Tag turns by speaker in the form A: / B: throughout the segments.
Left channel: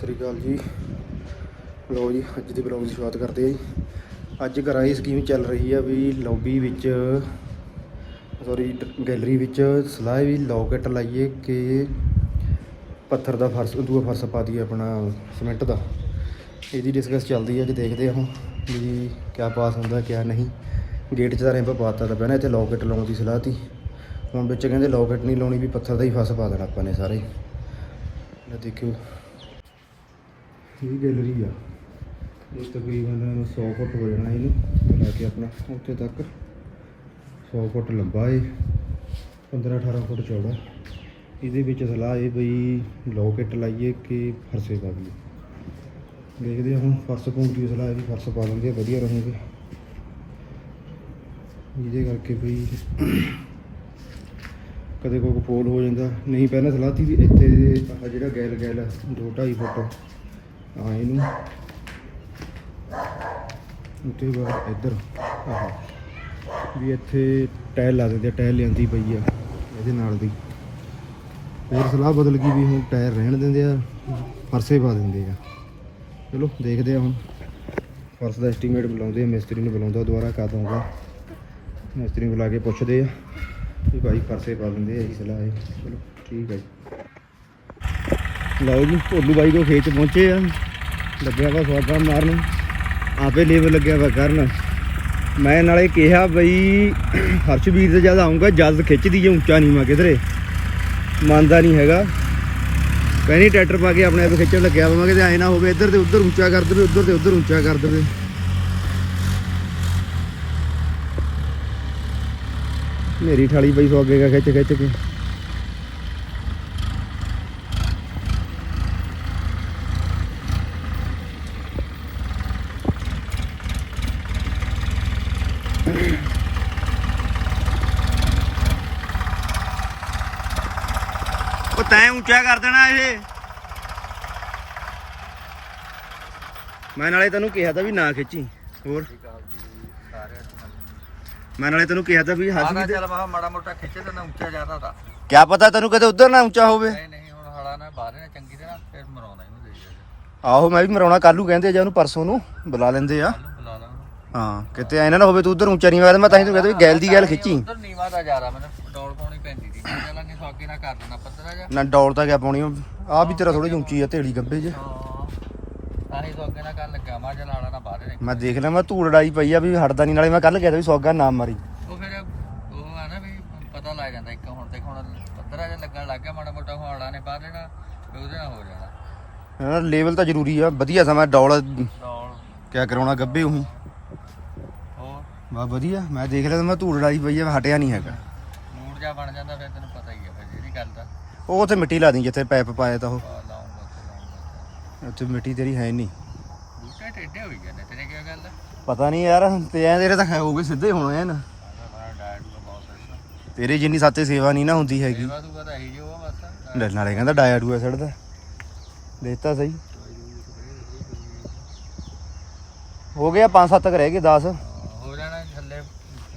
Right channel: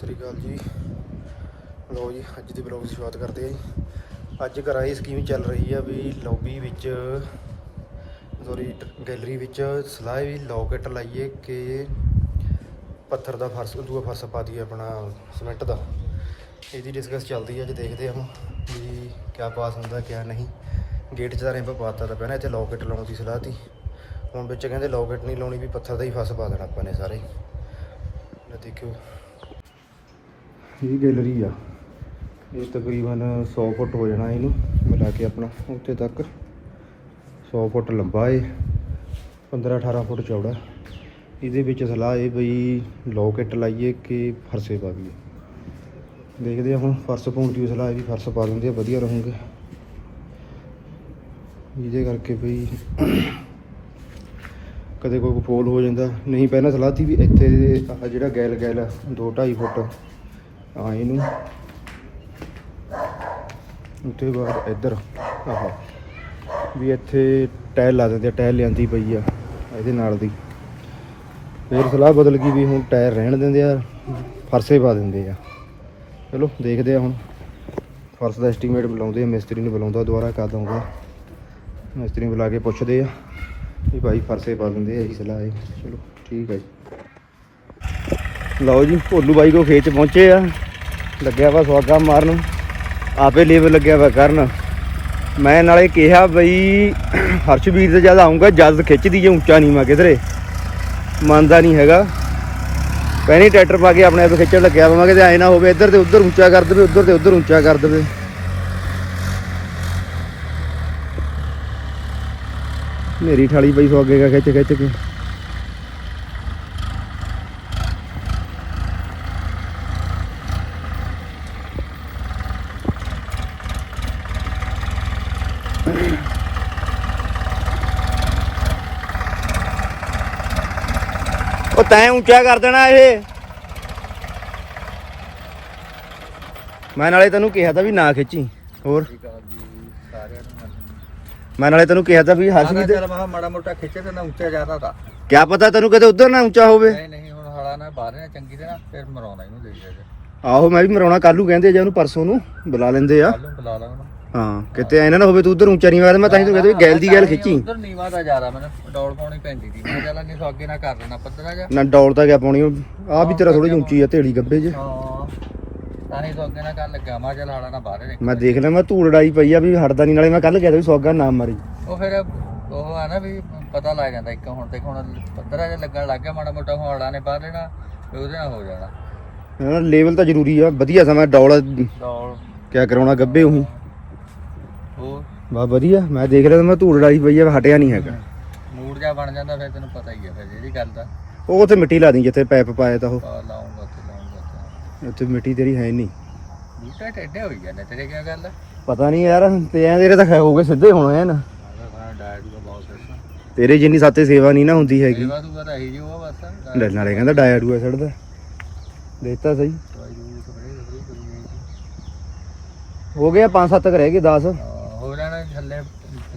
A: ਸ੍ਰੀ ਅਕਾਲ ਜੀ। ਲਓ ਜੀ, ਅੱਜ ਦੇ ਬਲੌਗ ਦੀ ਸ਼ੁਰੂਆਤ ਕਰਦੇ ਆ ਜੀ। ਅੱਜ ਘਰਾਂ ਇਹ ਸਕੀਮ ਚੱਲ ਰਹੀ ਆ ਵੀ ਲੌਬੀ ਵਿੱਚ ਸੌਰੀ ਗੈਲਰੀ ਵਿੱਚ ਸਲਾਹ ਵੀ ਲੌਕਟ ਲਾਈਏ ਕਿ ਪੱਥਰ ਦਾ ਫਰਸ਼, ਦੂਆ ਫਰਸ਼ ਪਾ ਦਈਏ ਆਪਣਾ ਸਿਮੈਂਟ ਦਾ। ਇਹਦੀ ਡਿਸਕਸ ਚੱਲਦੀ ਹੈ ਅੱਜ ਦੇਖਦੇ ਹਾਂ ਹੁਣ ਵੀ ਕਿਆ ਪਾਸ ਹੁੰਦਾ, ਕਿਆ ਨਹੀਂ। ਗੇਟ 'ਚ ਤਾਂ ਰੈਂਪ ਪਾਤਾ ਤਾਂ ਪਹਿਲਾਂ ਇੱਥੇ ਲੌਕਟ ਲਾਉਣ ਦੀ ਸਲਾਹ ਤੀ। ਹੁਣ ਵਿੱਚ ਕਹਿੰਦੇ ਲੌਕਟ ਨਹੀਂ ਲਾਉਣੀ ਵੀ ਪੱਥਰ ਦਾ ਹੀ ਫਰਸ਼ ਪਾ ਦੇਣਾ ਆਪਾਂ ਨੇ ਸਾਰੇ। ਹੀ ਦੇਖਿਓ। ਇਹ ਗੈਲਰੀ ਆ? ਇਹ ਤਕਰੀਬਨ 100 ਫੁੱਟ ਹੋ ਜਾਣਾ ਇਹਨੂੰ, ਮਿਲਾ ਕੇ ਆਪਣਾ ਉੱਤੇ ਤੱਕ। 100 ਫੁੱਟ ਲੰਬਾ ਏ 15 18 ਫੁੱਟ ਚੌੜਾ। ਇਹਦੇ ਵਿੱਚ ਸਲਾਹ ਇਹ ਬਈ ਲੋਕਟ ਲਾਈਏ ਕਿ ਫਰਸੇ ਪਾ ਲਈਏ ਦੇਖਦੇ ਹਾਂ ਹੁਣ ਫਰਸ਼ ਪਾਉਣ ਦੀ ਸਲਾਹ ਇਹ ਵੀ ਫਰਸ਼ ਪਾ ਦਿੰਦੇ ਆ ਵਧੀਆ ਰਹੂਗੇ। ਇਹਦੇ ਕਰਕੇ ਬਈ ਕਦੇ ਕੋਈ ਫੋਲ ਹੋ ਜਾਂਦਾ। ਨਹੀਂ, ਪਹਿਲਾਂ ਸਲਾਹ ਸੀ ਵੀ ਇੱਥੇ ਆਹ ਜਿਹੜਾ ਗੈਲ ਗੈਲ 2 2.5 ਫੁੱਟ। ਆ ਇਹਨੂੰ ਉੱਤੇ ਬਾਅਦ ਇੱਧਰ, ਆਹ। ਵੀ ਇੱਥੇ ਟਾਇਲ ਲਾ ਦਿੰਦੇ ਆ, ਟਾਇਲ ਲਿਆਂਦੀ ਪਈ ਆ, ਇਹਦੇ ਨਾਲ ਦੀ। ਫਿਰ ਸਲਾਹ ਬਦਲ ਗਈ ਵੀ ਹੁਣ ਟਾਇਰ ਰਹਿਣ ਦਿੰਦੇ ਆ, ਫਰਸੇ ਪਾ ਦਿੰਦੇ ਆ। ਚਲੋ, ਦੇਖਦੇ ਆ ਹੁਣ। ਫਰਸ਼ ਦਾ ਐਸਟੀਮੇਟ ਬੁਲਾਉਂਦੇ ਆ, ਮਿਸਤਰੀ ਨੂੰ ਬੁਲਾਉਂਦਾ ਦੁਬਾਰਾ ਕਰ ਦਊਂਗਾ ਮਿਸਤਰੀ ਨੂੰ ਬੁਲਾ ਕੇ ਪੁੱਛਦੇ ਆ ਵੀ ਭਾਈ ਫਰਸੇ ਪਾ ਦਿੰਦੇ ਆ, ਇਹੀ ਸਲਾਹ ਹੈ। ਚਲੋ, ਠੀਕ ਹੈ ਜੀ। ਲਓ ਜੀ, ਭੋਲੂ ਬਾਈ ਕੋ ਖੇਤ 'ਚ ਪਹੁੰਚੇ ਆ। ਲੱਗਿਆ ਵਾ ਸਵਾਗਾ ਮਾਰਨ। ਆਪੇ ਲੇਬਰ ਲੱਗਿਆ ਵਾ ਕਰਨ। ਮੈਂ ਨਾਲੇ ਕਿਹਾ ਬਈ, ਹਰਸ਼ਵੀਰ ਤੇ ਜਦ ਆਉਂਗਾ ਜਦ ਖਿੱਚਦੀ ਜੇ ਉੱਚਾ ਨਹੀਂ ਮਾ ਕਿਧਰੇ। ਮੰਨਦਾ ਨਹੀਂ ਹੈਗਾ। ਪਹਿਨੀ ਟਰੈਕਟਰ ਪਾ ਕੇ ਆਪਣੇ ਆਪ ਖਿੱਚਣ ਲੱਗਿਆ ਵਾ ਕਿਤੇ ਐ ਨਾ ਹੋਵੇ, ਇੱਧਰ ਤੇ ਉੱਧਰ ਉੱਚਾ ਕਰ ਦੇਵੇ, ਉੱਧਰ ਤੇ ਉੱਧਰ ਉੱਚਾ ਕਰ ਦੇਵੇ। ਮੇਰੀ ਠਾਲੀ ਪਈ ਸਵਾਗੇ ਕਾ ਖਿੱਚ ਖਿੱਚ ਕੇ। ਤੈਂ ਉੱਚਾ ਕਰ ਦੇਣਾ ਇਹ। ਮੈਂ ਨਾਲੇ ਤੈਨੂੰ ਕਿਹਾ ਤਾਂ ਵੀ ਨਾ ਖਿੱਚੀ ਹੋਰ। ਮੈਂ ਨਾਲੇ ਤੈਨੂੰ ਕਿਹਾ ਤਾਂ ਵੀ ਹੱਥ ਵੀ
B: ਚੱਲ ਮੈਂ ਮਾੜਾ ਮੋਟਾ ਖਿੱਚੇ ਤੇ ਨਾ ਉੱਚਾ ਜ਼ਿਆਦਾ ਤਾਂ।
A: ਕਿਆ ਪਤਾ ਤੈਨੂੰ ਕਦੇ ਉਧਰ ਨਾ ਉੱਚਾ ਹੋਵੇ।
B: ਨਹੀਂ ਨਹੀਂ ਹੁਣ ਹਲਾ ਨਾ ਬਾਹਰ ਨੇ ਚੰਗੀ ਤਰ੍ਹਾਂ ਫਿਰ ਮਰਾਉਣਾ ਇਹਨੂੰ ਦੇ ਜਾ।
A: ਆਹੋ ਮੈਂ ਵੀ ਮਰਾਉਣਾ ਕੱਲੂ ਕਹਿੰਦੇ ਜੇ ਉਹਨੂੰ ਪਰਸੋਂ ਨੂੰ ਬੁਲਾ ਲੈਂਦੇ ਆ।
B: ਕੱਲ ਬੁਲਾ ਲਾ ਉਹਨੂੰ।
A: ਹਾਂ ਕਿਤੇ ਐ ਨਾ ਹੋਵੇ ਤੂੰ ਉਧਰ ਉੱਚਾ ਨਹੀਂ ਮਾਰਦਾ ਮੈਂ ਤਾਂ ਹੀ ਤੈਨੂੰ ਕਹਿੰਦਾ ਗੈਲ ਦੀ ਗੈਲ ਖਿੱਚੀ।
B: ਉਧਰ ਨੀਵਾ ਦਾ ਜ਼ਿਆਦਾ ਮੈਨੂੰ ਡੌਲ ਪਾਉਣੀ ਪੈਂਦੀ ਸੀ ਮੈਂ ਚੱਲ ਨਹੀਂ ਸੋ ਅੱਗੇ ਨਾ ਕਰ ਲੈਣਾ ਪੱਧਰਾ ਜਾ
A: ਨਾ ਡੌਲ ਤਾਂ ਗਿਆ ਪਾਉਣੀ ਆ ਵੀ ਤੇਰਾ ਥੋੜੀ ਉੱਚੀ ਆ ਢੇੜੀ ਗੱਬੇ 'ਚ
B: ਹਾਂ ਤਾਂ ਹੀ ਸੋ ਅੱਗੇ ਨਾ ਕਰ ਲੱਗਾ ਮੈਂ ਚੱਲ ਹਾਲਾ ਨਾ ਬਾਹਰ
A: ਮੈਂ ਦੇਖ। ਲਿਆ ਮੈਂ ਧੂੜ ਲੜਾਈ ਪਈ ਆ ਵੀ ਹਟਦਾ ਨਹੀਂ ਨਾਲੇ ਮੈਂ ਕੱਲ ਗਿਆ ਤਾਂ ਵੀ ਸੌਗਾ ਨਾ ਮਾਰੀ।
B: ਉਹ ਫਿਰ ਉਹ ਆ ਨਾ ਵੀ ਪਤਾ ਲੱਗ ਜਾਂਦਾ ਇੱਕ ਹੁਣ ਤੇ ਹੁਣ ਪੱਧਰਾ ਜਿਹਾ ਲੱਗਣ ਲੱਗ ਗਿਆ ਮਾੜਾ ਮੋਟਾ ਹਾਲਾ ਨੇ ਬਾਹਰ ਲੈਣਾ ਤੇ ਉਹਦੇ ਨਾਲ ਹੋ ਜਾਣਾ।
A: ਲੈਵਲ ਤਾਂ ਜ਼ਰੂਰੀ ਆ ਵਧੀਆ ਸਮਾਂ ਡੌਲ
B: ਡੌਲ।
A: ਕਿਆ ਕਰਾਉਣਾ ਗੱਬੇ ਉਹੀ ਬਾ ਵਧੀਆ ਮੈਂ ਦੇਖ ਲਿਆ ਮੈਂ ਧੂੜ ਲੜਾਈ ਪਈ ਆ ਹਟਿਆ ਨਹੀਂ ਹੈਗਾ।
B: ਮੂਡ ਜਾ ਬਣ ਜਾਂਦਾ ਫਿਰ ਤੈਨੂੰ ਪਤਾ ਹੀ ਆ ਫਿਰ ਜਿਹੜੀ ਗੱਲ ਦਾ।
A: ਉਹ ਉੱਥੇ ਮਿੱਟੀ ਲਾ ਦੀ ਜਿੱਥੇ ਪੈਪ ਪਾਇਆ ਤਾਂ ਉਹ।
B: ਪਾ ਲਾਉਂਗਾ ਤੇ ਲਾਉਂਗਾ ਤੇ
A: ਉੱਥੇ ਮਿੱਟੀ ਤੇਰੀ ਹੈ ਨਹੀਂ।
B: ਬੂਟੇ ਟੇਡੇ ਹੋਈ ਜਾਂਦੇ ਤੇਰੇ ਕੀ ਗੱਲ? ਆ
A: ਪਤਾ ਨਹੀਂ ਯਾਰ ਤੇ ਐ ਤੇਰੇ ਤਾਂ ਖੈ ਹੋਗੇ ਸਿੱਧੇ ਹੋਣੇ ਐਨ।
B: ਸਾਡਾ ਡਾਇਟ ਦਾ ਬਹੁਤ ਸਿਸਟਮ
A: ਤੇਰੇ ਜਿੰਨੀ ਸਾਤੇ ਸੇਵਾ ਨਹੀਂ ਨਾ ਹੁੰਦੀ ਹੈਗੀ।
B: ਸੇਵਾ ਤੂੰ ਤਾਂ ਇਹੀ ਜੋ ਆ ਬਸ
A: ਲੈ ਨਾਲੇ ਕਹਿੰਦਾ ਡਾਇਆ ਡੂਆ ਛੱਡਦਾ ਦੇਖਤਾ ਸਹੀ।
B: ਦਵਾਈ ਦੂਈ ਸਪਰੇਅ ਸਪਰੇਅ ਕਰੀ ਜਾਈਦੀ।
A: ਹੋ ਗਿਆ 5-7 ਰਹਿ ਗਏ 10
B: ਹਾਂ, ਹੋ। ਜਾਣਾ ਥੱਲੇ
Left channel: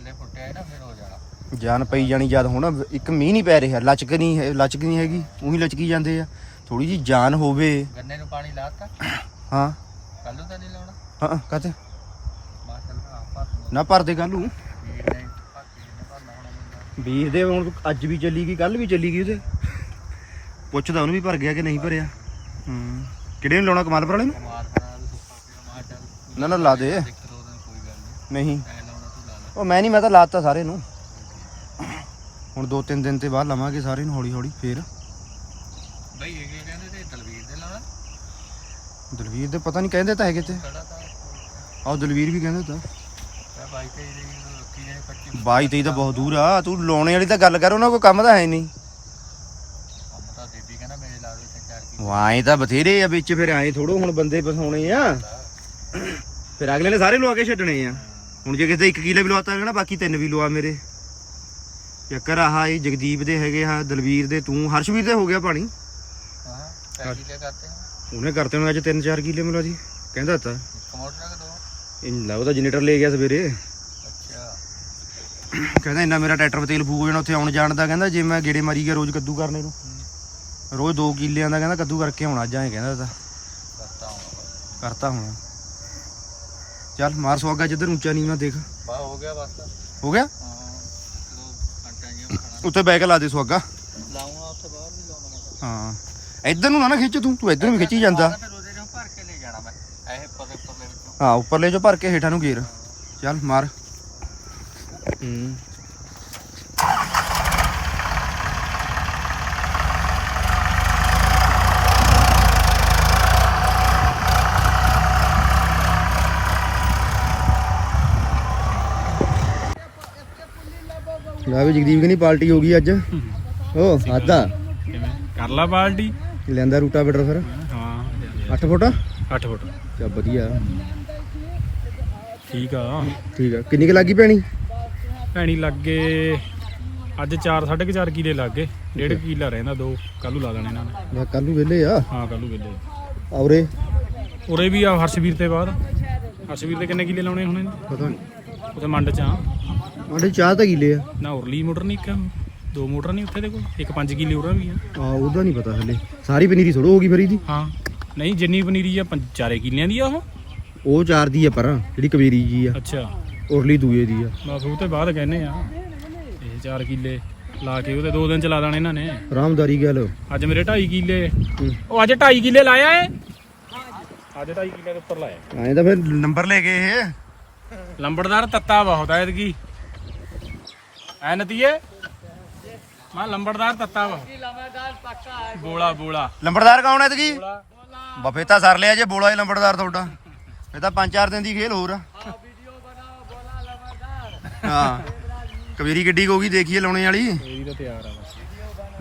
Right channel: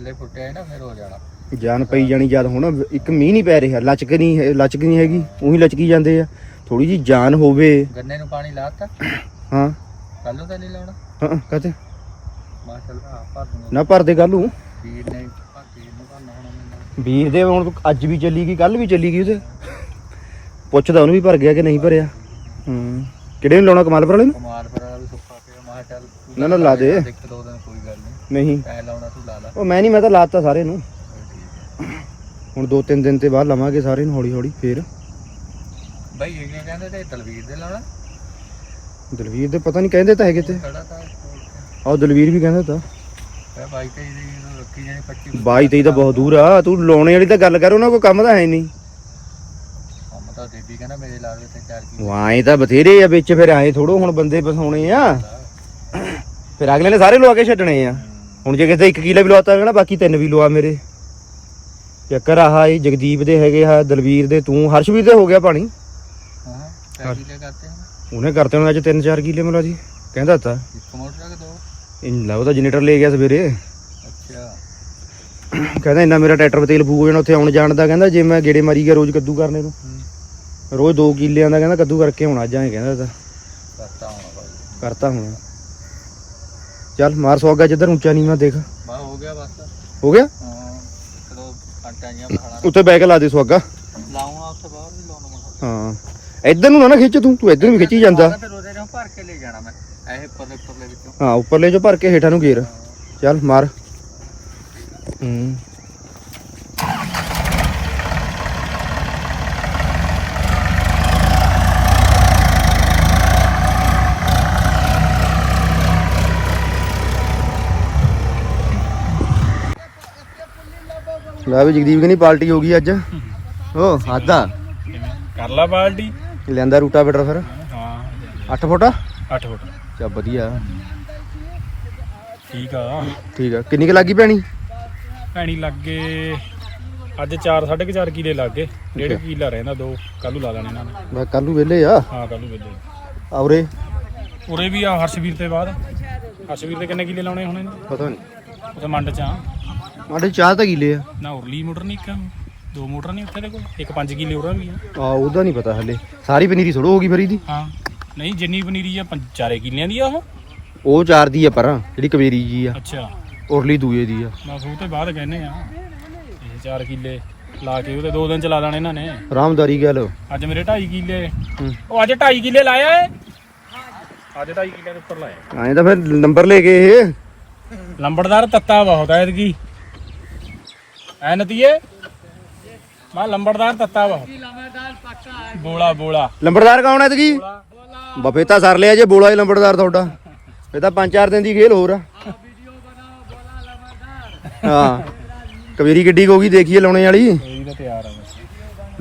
B: ਥੱਲੇ ਫੁੱਟਿਆ ਹੈ ਨਾ ਫਿਰ ਹੋ ਜਾਣਾ।
A: ਜਾਨ ਪਈ ਜਾਣੀ ਜਦ ਹੁਣ ਇੱਕ ਮੀਂਹ ਨਹੀਂ ਪੈ ਰਿਹਾ ਲਚਕ ਨਹੀਂ ਹੈ ਲਚਕ ਨਹੀਂ ਹੈਗੀ ਉਹੀ ਲਚਕੀ ਜਾਂਦੇ ਆ। ਥੋੜੀ ਜੀ ਜਾਨ ਹੋਵੇ।
B: ਗੰਨੇ ਨੂੰ ਪਾਣੀ ਲਾਤਾ
A: ਹਾਂ।
B: ਕੱਲ ਨੂੰ ਤਾਂ ਨਹੀਂ ਲਾਉਣਾ?
A: ਹਾਂ
B: ਮਾ ਦੂੰਗਾ।
A: ਨਾ ਭਰਦੇ ਕੱਲ ਨੂੰ?
B: ਵੀਰ ਨੇ ਭਰ ਵੀਰ ਨੇ ਭਰਨਾ ਹੁਣ ਮੈਨੂੰ।
A: ਵੀਰ ਦੇ ਹੁਣ ਅੱਜ ਵੀ ਚੱਲੀ ਗਈ ਕੱਲ ਵੀ ਚੱਲੀ ਗਈ ਉਹਦੇ। ਪੁੱਛਦਾ ਉਹਨੂੰ ਵੀ ਭਰ ਗਿਆ ਕਿ ਨਹੀਂ ਭਰਿਆ। ਹੂੰ। ਕਿਹੜੇ ਨੂੰ ਲਾਉਣਾ ਕਮਾਲਪੁਰ ਵਾਲੇ ਨੂੰ?
B: ਕਮਾਲ ਪਰ ਵੀ ਸੁੱਕਾ ਪਿਆ ਮਾ ਚੱਲ
A: ਨਾ, ਨਾ, ਲਾ ਦੇ।
B: ਇੱਕ ਦੋ ਦਿਨ ਨਹੀਂ।
A: ਨਹੀਂ
B: ਐ ਲਾਉਣਾ ਤੂੰ ਲਾ ਲਾ।
A: ਉਹ ਮੈਂ ਨਹੀਂ ਮੈਂ ਤਾਂ ਲਾਤਾ ਸਾਰੇ ਨੂੰ। ਹੁਣ ਦੋ ਤਿੰਨ ਦਿਨ ਤੇ ਬਾਅਦ ਲਵਾਂਗੇ ਸਾਰੇ ਨੂੰ ਹੌਲੀ ਹੌਲੀ ਫੇਰ।
B: ਬਈ ਇਹ ਕਹਿੰਦੇ ਤੇ ਤਲਵੀਰ ਦੇ ਲਾਉਣਾ?
A: ਦਲਵੀਰ ਦੇ ਪਤਾ ਨਹੀਂ ਕਹਿੰਦੇ ਤਾਂ ਹੈਗੇ ਤੇ।
B: ਖੜਾ ਤਾਂ
A: ਆਹ ਦਲਵੀਰ ਵੀ ਕਹਿੰਦਾ ਤਾਂ।
B: ਇਹ ਬਾਈ ਤੇ ਇਹਨੂੰ ਰੱਖੀ ਜਾਣੀ ਪੱਟੀ
A: 22 23 ਤਾਂ ਬਹੁਤ ਦੂਰ ਆ। ਤੂੰ ਲਾਉਣੇ ਵਾਲੀ ਤਾਂ ਗੱਲ ਕਰ ਉਹਨਾਂ ਕੋਈ ਕੰਮ ਤਾਂ ਹੈ ਨਹੀਂ।
B: ਕੰਮ ਤਾਂ ਦੇਵੀ ਕਹਿੰਦਾ ਮੇਰੇ ਲਾ ਦੇ ਤੇ ਚਾਰ ਕੀ
A: ਵਾਏ ਤਾਂ ਬਥੇਰੇ ਆ ਵਿੱਚ ਫਿਰ ਆਏ ਥੋੜੋ ਹੁਣ ਬੰਦੇ ਬਸਾਉਣੇ ਆ। ਫਿਰ ਅਗਲੇ ਨੇ ਸਾਰੇ ਲਵਾ ਕੇ ਛੱਡਣੇ ਆ। ਹੁਣ ਜੇ ਕਿਸੇ 1 ਕਿਲੇ ਵੀ ਲਵਾਤਾ ਨਾ ਬਾਕੀ ਤਿੰਨ ਵੀ ਲਵਾ ਮੇਰੇ। ਚੱਕਰ ਆਹ ਇਹ ਜਗਦੀਪ ਦੇ ਹੈਗੇ ਆ ਦਲਵੀਰ ਦੇ ਤੂੰ ਹਰਸ਼ਵੀਰ ਦੇ ਹੋ ਗਿਆ ਪਾਣੀ।
B: ਹਾਂ ਚਾਰ ਕੀ ਕਰਤੇ ਹਨ
A: ਉਹਨੇ ਕਰਤੇ ਹੁਣ ਅੱਜ 3-4 ਕਿਲੇ ਮਿਲਾ ਜੀ ਕਹਿੰਦਾ ਤਾਂ
B: ਇੱਕ ਮੋਟਰ ਕਿ ਦੋ?
A: ਇਹ ਲਾ ਉਹਦਾ ਜਨਰੇਟਰ ਲੈ ਗਿਆ ਸਵੇਰੇ।
B: ਅੱਛਾ।
A: ਕਹਿੰਦਾ ਇੰਨਾ ਮੇਰਾ ਟਰੈਕਟਰ ਤੇਲ ਫੂਕ ਹੋ ਜਾਣਾ ਉੱਥੇ ਆਉਣ ਜਾਣ ਦਾ ਕਹਿੰਦਾ ਜੇ ਮੈਂ ਗੇੜੇ ਮਾਰੀ ਗਿਆ ਰੋਜ਼ ਕੱਦੂ ਕਰਨੇ ਨੂੰ।
B: ਹੂੰ।
A: ਰੋਜ਼ 2 ਕਿੱਲਿਆਂ ਦਾ ਕਹਿੰਦਾ ਕੱਦੂ ਕਰਕੇ ਹੁਣ ਅੱਜ ਆਏ ਕਹਿੰਦਾ ਤਾਂ। ਕਰਤਾ ਹੁਣ। ਚੱਲ ਮਾਰ ਸਵਾਗਾ ਜਿੱਧਰ ਉੱਚਾ ਨੀਵਾਂ ਦੇਖ।
B: ਬਾ ਹੋ ਗਿਆ ਬਸ।
A: ਹੋ ਗਿਆ?
B: ਹਾਂ ਚਲੋ ਜੀਆਂ
A: ਉੱਤੇ ਬੈਗ ਲਾ ਦੇ ਸਵਾਗਾ
B: ਲਾਉਣਾ ਉੱਥੇ ਬਾਹਰ ਵੀ ਲਾਉਣਾ।
A: ਹਾਂ। ਇੱਧਰ ਨੂੰ ਨਾ ਖਿੱਚ ਤੂੰ ਤੂੰ ਇੱਧਰ ਨੂੰ ਖਿੱਚੀ ਜਾਂਦਾ।
B: ਉਹਦੇ ਨਾਲ ਭਰ ਕੇ ਲੈ ਜਾਣਾ ਮੈਂ ਇਹ ਪਰਲੇ ਪਰਲੇ ਵਿੱਚੋਂ।
A: ਹਾਂ ਉੱਪਰਲੇ ਚੋਂ ਭਰ ਕੇ ਹੇਠਾਂ ਨੂੰ ਗੇਰ ਚੱਲ ਮਾਰ। ਹੂੰ। ਲੈ ਵੀ ਜਗਦੀਪ ਕਹਿੰਦੀ ਪਾਰਟੀ ਹੋ ਗਈ ਅੱਜ। ਓ ਆਦਾ
C: ਕਰ ਲਾ ਬਾਲਟੀ
A: ਲੈਂਦਾ ਰੂਟਾ ਬੇਟਰ ਫਿਰ।
C: ਹਾਂ।
A: 8 ਫੁੱਟ
C: 8 ਫੁੱਟ।
A: ਚਾ ਵਧੀਆ।
C: ਠੀਕ ਆ।
A: ਠੀਕ ਆ। ਕਿੰਨੀ ਕੁ ਲੱਗੀ ਭੈਣੀ?
C: ਭੈਣੀ ਲੱਗੇ ਅੱਜ 4 4.5 ਕਿਲੇ ਲੱਗੇ ਡੇਢ ਕਿਲਾ ਰਹਿੰਦਾ ਦੋ। ਕੱਲੂ ਲਾ ਲੈਣੇ ਇਹਨਾਂ ਨੇ।
A: ਮੈਂ ਕੱਲ ਨੂੰ ਵਿਹਲੇ ਆ।
C: ਹਾਂ ਕੱਲੂ ਵੇਲੇ
A: ਔਰੇ
C: ਉਰੇ? ਵੀ ਆ ਹਰਸ਼ਵੀਰ ਤੇ ਬਾਅਦ। ਹਰਸ਼ਵੀਰ ਦੇ ਕਿੰਨੇ ਕਿਲੇ ਲਾਉਣੇ ਹੁਣੇ
A: ਪਤਾ ਨਹੀਂ।
C: ਉਥੇ ਮੰਡ ਚ ਆ।
A: ਸਾਡੇ ਚਾਹ ਤਾਂ ਕਿਲੇ ਆ।
C: ਨਾ ਉਰਲੀ ਮੋਟਰ ਨਹੀਂ ਇੱਕ ਦੋ ਮੋਟਰ ਨਹੀਂ ਉੱਥੇ ਦੇ ਕੋਲ ਇੱਕ 5 ਕਿਲੇ ਉਰਾ ਵੀ ਆ।
A: ਆ ਉਹਦਾ ਨਹੀਂ ਪਤਾ ਹਲੇ। ਸਾਰੀ ਪਨੀਰੀ ਥੋੜੋ ਹੋ ਗਈ ਫਰੀ ਦੀ।
C: ਹਾਂ ਨਹੀਂ ਜਿੰਨੀ ਪਨੀਰੀ ਆ ਪੰਜ ਚਾਰੇ ਕਿਲਿਆਂ ਦੀ ਆ ਉਹ।
A: ਉਹ ਚਾਰ ਦੀ ਆ ਪਰ ਜਿਹੜੀ ਕਵੇਰੀ ਜੀ ਆ।
C: ਅੱਛਾ।
A: ਉਰਲੀ ਦੂਏ ਦੀ ਆ।
C: ਬਸ ਉਹ ਤੇ ਬਾਅਦ ਕਹਿੰਨੇ ਆ। ਇਹ 4 ਕਿਲੇ ਲਾ ਕੇ ਉਹਦੇ ਦੋ ਦਿਨ ਚਲਾ ਦੇਣੇ ਇਹਨਾਂ ਨੇ।
A: ਆਰਾਮਦਾਰੀ ਗੱਲ।
C: ਅੱਜ ਮੇਰੇ 2.5 ਕਿਲੇ। ਉਹ ਅੱਜ 2.5 ਕਿਲੇ ਲਾਇਆ ਏ? ਅੱਜ 2.5 ਕਿਲੇ ਦੇ ਉੱਪਰ ਲਾਇਆ।
A: ਐਂ ਤਾਂ ਫਿਰ ਨੰਬਰ ਲੈ ਕੇ ਇਹ।
C: ਲੰਬੜਦਾਰ ਤੱਤਾ ਬਹੁਤ ਐਤਕੀ। ਐ ਨਤੀਏ? ਮੈਂ ਲੰਬੜਦਾਰ ਤੱਤਾ ਬਹੁਤ ਬੋਲਾ ਬੋਲਾ।
A: ਲੰਬੜਦਾਰ ਕੌਣ ਐ ਤਕੀ ਬਫੇ ਤਾਂ ਸਰ ਲਿਆ ਜੇ ਬੋਲਾ ਹੀ ਲੰਬੜਦਾਰ ਤੁਹਾਡਾ। ਇਹ ਤਾਂ ਪੰਜ ਚਾਰ ਦਿਨ ਦੀ ਖੇਲ ਹੋਰ ਆ। ਹਾਂ। ਕਵੇਰੀ ਗੱਡੀ ਹੋ ਗਈ ਦੇਖੀਏ ਲਾਉਣੇ ਵਾਲੀ।
C: ਇਹ ਵੀ ਤਾਂ ਤਿਆਰ ਹੈ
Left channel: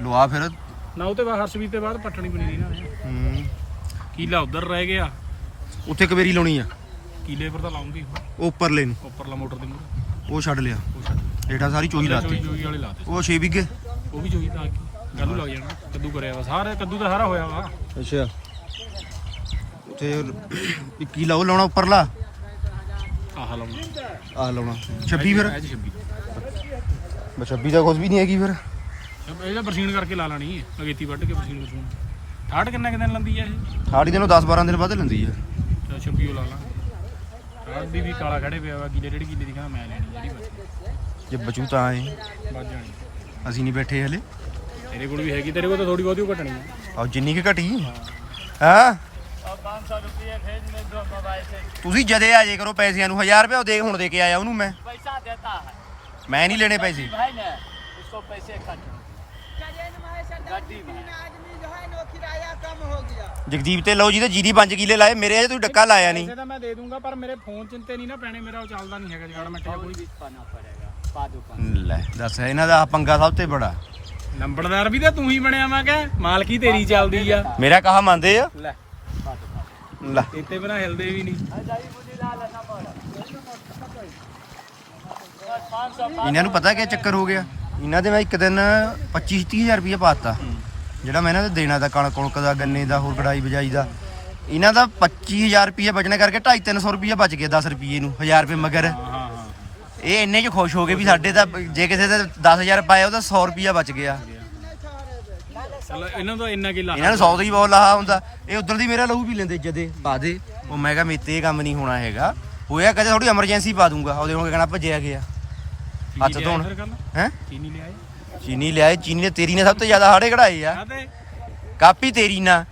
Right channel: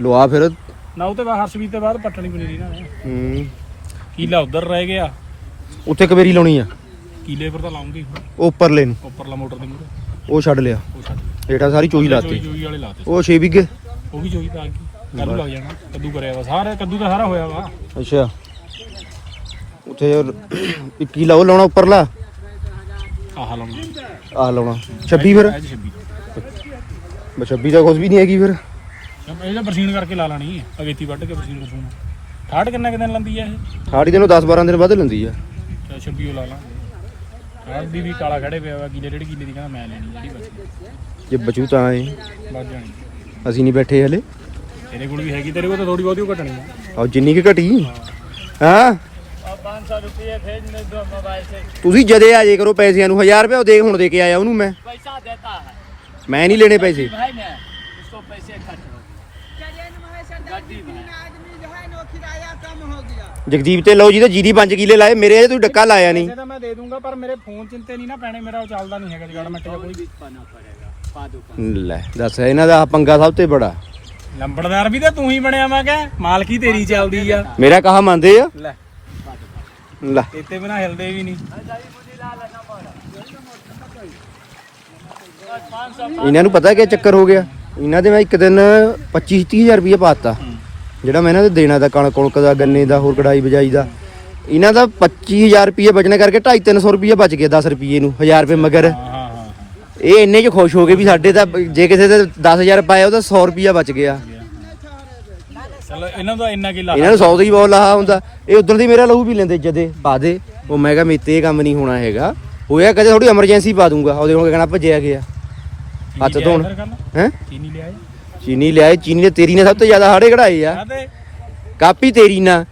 A: ਲਵਾ ਫਿਰ।
C: ਨਾ ਉਹ ਤੇ ਬਾਅਦ ਹਰਸ਼ਵੀਰ ਤੇ ਬਾਅਦ ਪੱਟਣੀ ਪਨੀਰੀ ਇਹਨਾਂ ਨੇ
A: ਹੂੰ।
C: ਕੀਲਾ ਉਧਰ ਰਹਿ ਗਿਆ।
A: ਉੱਥੇ ਕਵੇਰੀ ਲਾਉਣੀ ਆ।
C: ਕੀਲੇ ਪਰ ਤਾਂ ਲਾਉਂਗੀ
A: ਉੱਪਰਲੇ ਨੂੰ।
C: ਉੱਪਰਲਾ ਮੋਟਰ ਦੇ ਮੂਰੇ
A: ਉਹ ਛੱਡ ਲਿਆ।
C: ਉਹ ਛੱਡ
A: ਸਾਰੀ ਚੋਈ ਲਾਤੀ।
C: ਚੋਈ ਵਾਲੇ ਲਾਤੇ
A: ਉਹ 6 ਵਿਗੇ
C: ਉਹ ਵੀ ਚੋਈ ਤਾਂ ਆ ਗਈ। ਕੱਲੂ ਲੱਗ ਜਾਣਾ। ਕੱਦੂ ਕਰਿਆ ਵਾ। ਸਾਰਾ ਕੱਦੂ ਤਾਂ ਸਾਰਾ ਹੋਇਆ ਵਾ।
A: ਅੱਛਾ। ਉੱਥੇ 21 ਲਾਓ ਲਾਉਣਾ ਉੱਪਰਲਾ।
C: ਆਹ ਲਾਉਣਾ।
A: ਆਹ ਲਾਉਣਾ। 26 ਫਿਰ?
C: ਇਹ 26
A: ਬਸ 26 ਦਾ ਕੁਝ ਵੀ ਨਹੀਂ ਹੈਗੀ ਫਿਰ?
C: ਇਹਦਾ ਬਰਸੀਨ ਕਰਕੇ ਲਾ ਲੈਣੀ ਹੈ। ਅਗੇਤੀ ਵੱਢ ਕੇ ਬਰਸੀਨ ਕਰੂੰਗਾ। ਠਾੜ ਕਿੰਨਾ ਕਿੰਨਾ ਲੰਦੀ ਆ ਇਹ?
A: ਥਾੜੀ ਦਿਨੋਂ 10 12 ਦਿਨ ਬਾਅਦ ਲੈਂਦੀ ਆ
C: ਚਲ 26 ਉਹ ਲਾ ਲਾਂਗੇ।
A: ਜੇ ਬਚੂ ਤਾਂ
C: ਏ
A: ਅਸੀਂ ਨਹੀਂ ਬੈਠੇ ਹਲੇ।
C: ਤੇਰੇ ਕੋਲ ਵੀ ਹੈਗੀ ਤੇਰੇ ਕੋਲ ਥੋੜੀ ਬਹੁਤੀ ਘਟਣੀ ਆ।
A: ਜਿੰਨੀ ਕਿ ਘਟੀ। ਹਾਂ?
C: 500
A: ਤੁਸੀਂ ਜਦੇ ਆ ਜੇ ਕਰੋ ਪੈਸਿਆਂ ਨੂੰ 1000 ਰੁਪਏ ਉਹ ਦੇ ਹੁਣ ਦੇ ਕੇ ਆਇਆ ਉਹਨੂੰ ਮੈਂ।
C: ਪੈਸਾ ਦੇਤਾ।
A: ਮੈਂ ਨਹੀਂ ਲੈਣੇ ਪੈਸੇ। ਜਗਦੀਪ ਤੇ ਲਓ ਜੀ ਤੇ ਜੀਰੀ 5 ਕਿੱਲੇ ਲਾਏ ਮੇਰੇ ਅਜੇ ਤੂੰ ਡੱਕਾ ਲਾਇਆ ਨਹੀਂ।
C: ਤਾਂ ਮੈਂ ਦੇ ਦੂੰਗਾ ਪਰ ਮੇਰੇ ਫੋਨ ਚਿੰਤੇ ਨਹੀਂ ਨਾ ਪੈਣੇ ਮੇਰਾ ਉਹ ਚੱਲਦਾ ਨਹੀਂ ਹੈਗਾ ਜਗੜ ਮਿੰਟ ਜਾਂ ਕੋਈ।
A: ਲੈ ਦੱਸ ਇਹਨਾਂ ਦਾ ਪੰਗਾ ਸਭ ਤੋਂ ਬੜਾ।
C: ਲੰਬੜਦਾਰ ਵੀ ਤਾਂ ਤੂੰ ਹੀ ਬਣਿਆ ਮੈਂ ਕਹ ਮਾਲਕੀ ਤੇਰੀ ਚੱਲਦੀ ਆ।
A: ਮੇਰਾ ਕਹਾ ਮੰਨਦੇ ਆ?
C: ਲੈ।
A: ਲੈ।
C: ਇੱਥੇ ਬਿਨਾ ਹਿਲਦੇ ਵੀ ਨਹੀਂ।
A: ਇਹਨਾਂ ਨੂੰ ਪਤਾ ਕਿ ਚੱਕਰ ਹੋ ਗਿਆ? ਇਹਨਾਂ ਦੇ ਮੈਂ ਇੱਕ ਦਿਨ 25 30000 ਰੁਪਏ ਪਾਤਾ ਜਿਹੜਾ ਮੈਂ ਇਹਨਾਂ ਦੇ ਦੇਣਾ ਦਾ ਕਣਕ ਕੁਣਕ ਦਾ ਗੰਨੇ ਦਾ ਹੋਰ ਕਢਾਈ ਬਜਾਈ ਦਾ ਇਹਨਾਂ ਦਾ 25000 ਰੁਪਏ ਬਚਣੇ ਕਰਕੇ 2.5 300 ਰੁਪਏ ਬਚ ਗਿਆ 10 ਰੁਪਏ ਨੂੰ 1000 ਰੁਪਏ ਮਗਰ। ਇਹ ਇੰਨੇ ਚ ਖੁਸ਼ ਹੋ ਗਏ ਵੀ ਸਾਡੇ ਤਾਂ ਜੇ ਕਿਸੇ ਦੇ 10000 ਪਾਇਆ ਉਹਦਾ 100 ਰੁਪਿਆ ਬਚ ਗਿਆ।
C: ਚਲੋ ਇਹਨਾਂ ਦਾ ਇੰਨਾ ਕੀ ਲਾ
A: ਇਹਨਾਂ ਨੂੰ 100 ਦਾ ਹੀ ਬਹੁਤ ਲਾਹਾ ਹੁੰਦਾ। ਇਹ ਉਦੋਂ ਦੀ ਮੇਰਾ ਲਹੂ ਵੀ ਲੈਂਦੇ ਜਦੇ ਪਾ ਦੇ। ਉਹ ਮੈਂ ਕਿਹਾ ਮੇਤੇ ਇਹ ਕੰਮ ਨਹੀਂ ਹੋਣਾ ਹੈਗਾ। ਹੋਇਆ ਕਦੇ ਥੋੜੀ ਐਮਰਜੈਂਸੀ ਪਾ ਦੂੰਗਾ। ਉਹਦੇ ਕੋਲ ਕਹਿਣਾ ਭੱਜਿਆ ਗਿਆ। ਹੱਥ ਧੋਣ। ਹੈ?
C: ਚੀਨੀ ਲਿਆਏ
A: ਚੀਨੀ ਲਿਆਏ ਚੀਨੀ ਨੇ ਤੇਰੀ ਨੇ ਸਭ ਤੋਂ ਜ਼ਿਆਦਾ ਹਾੜੇ ਕਢਾਏ ਆ।
C: ਕਾਤੇ
A: ਕਾਪੀ ਤੇਰੀ ਨਾ।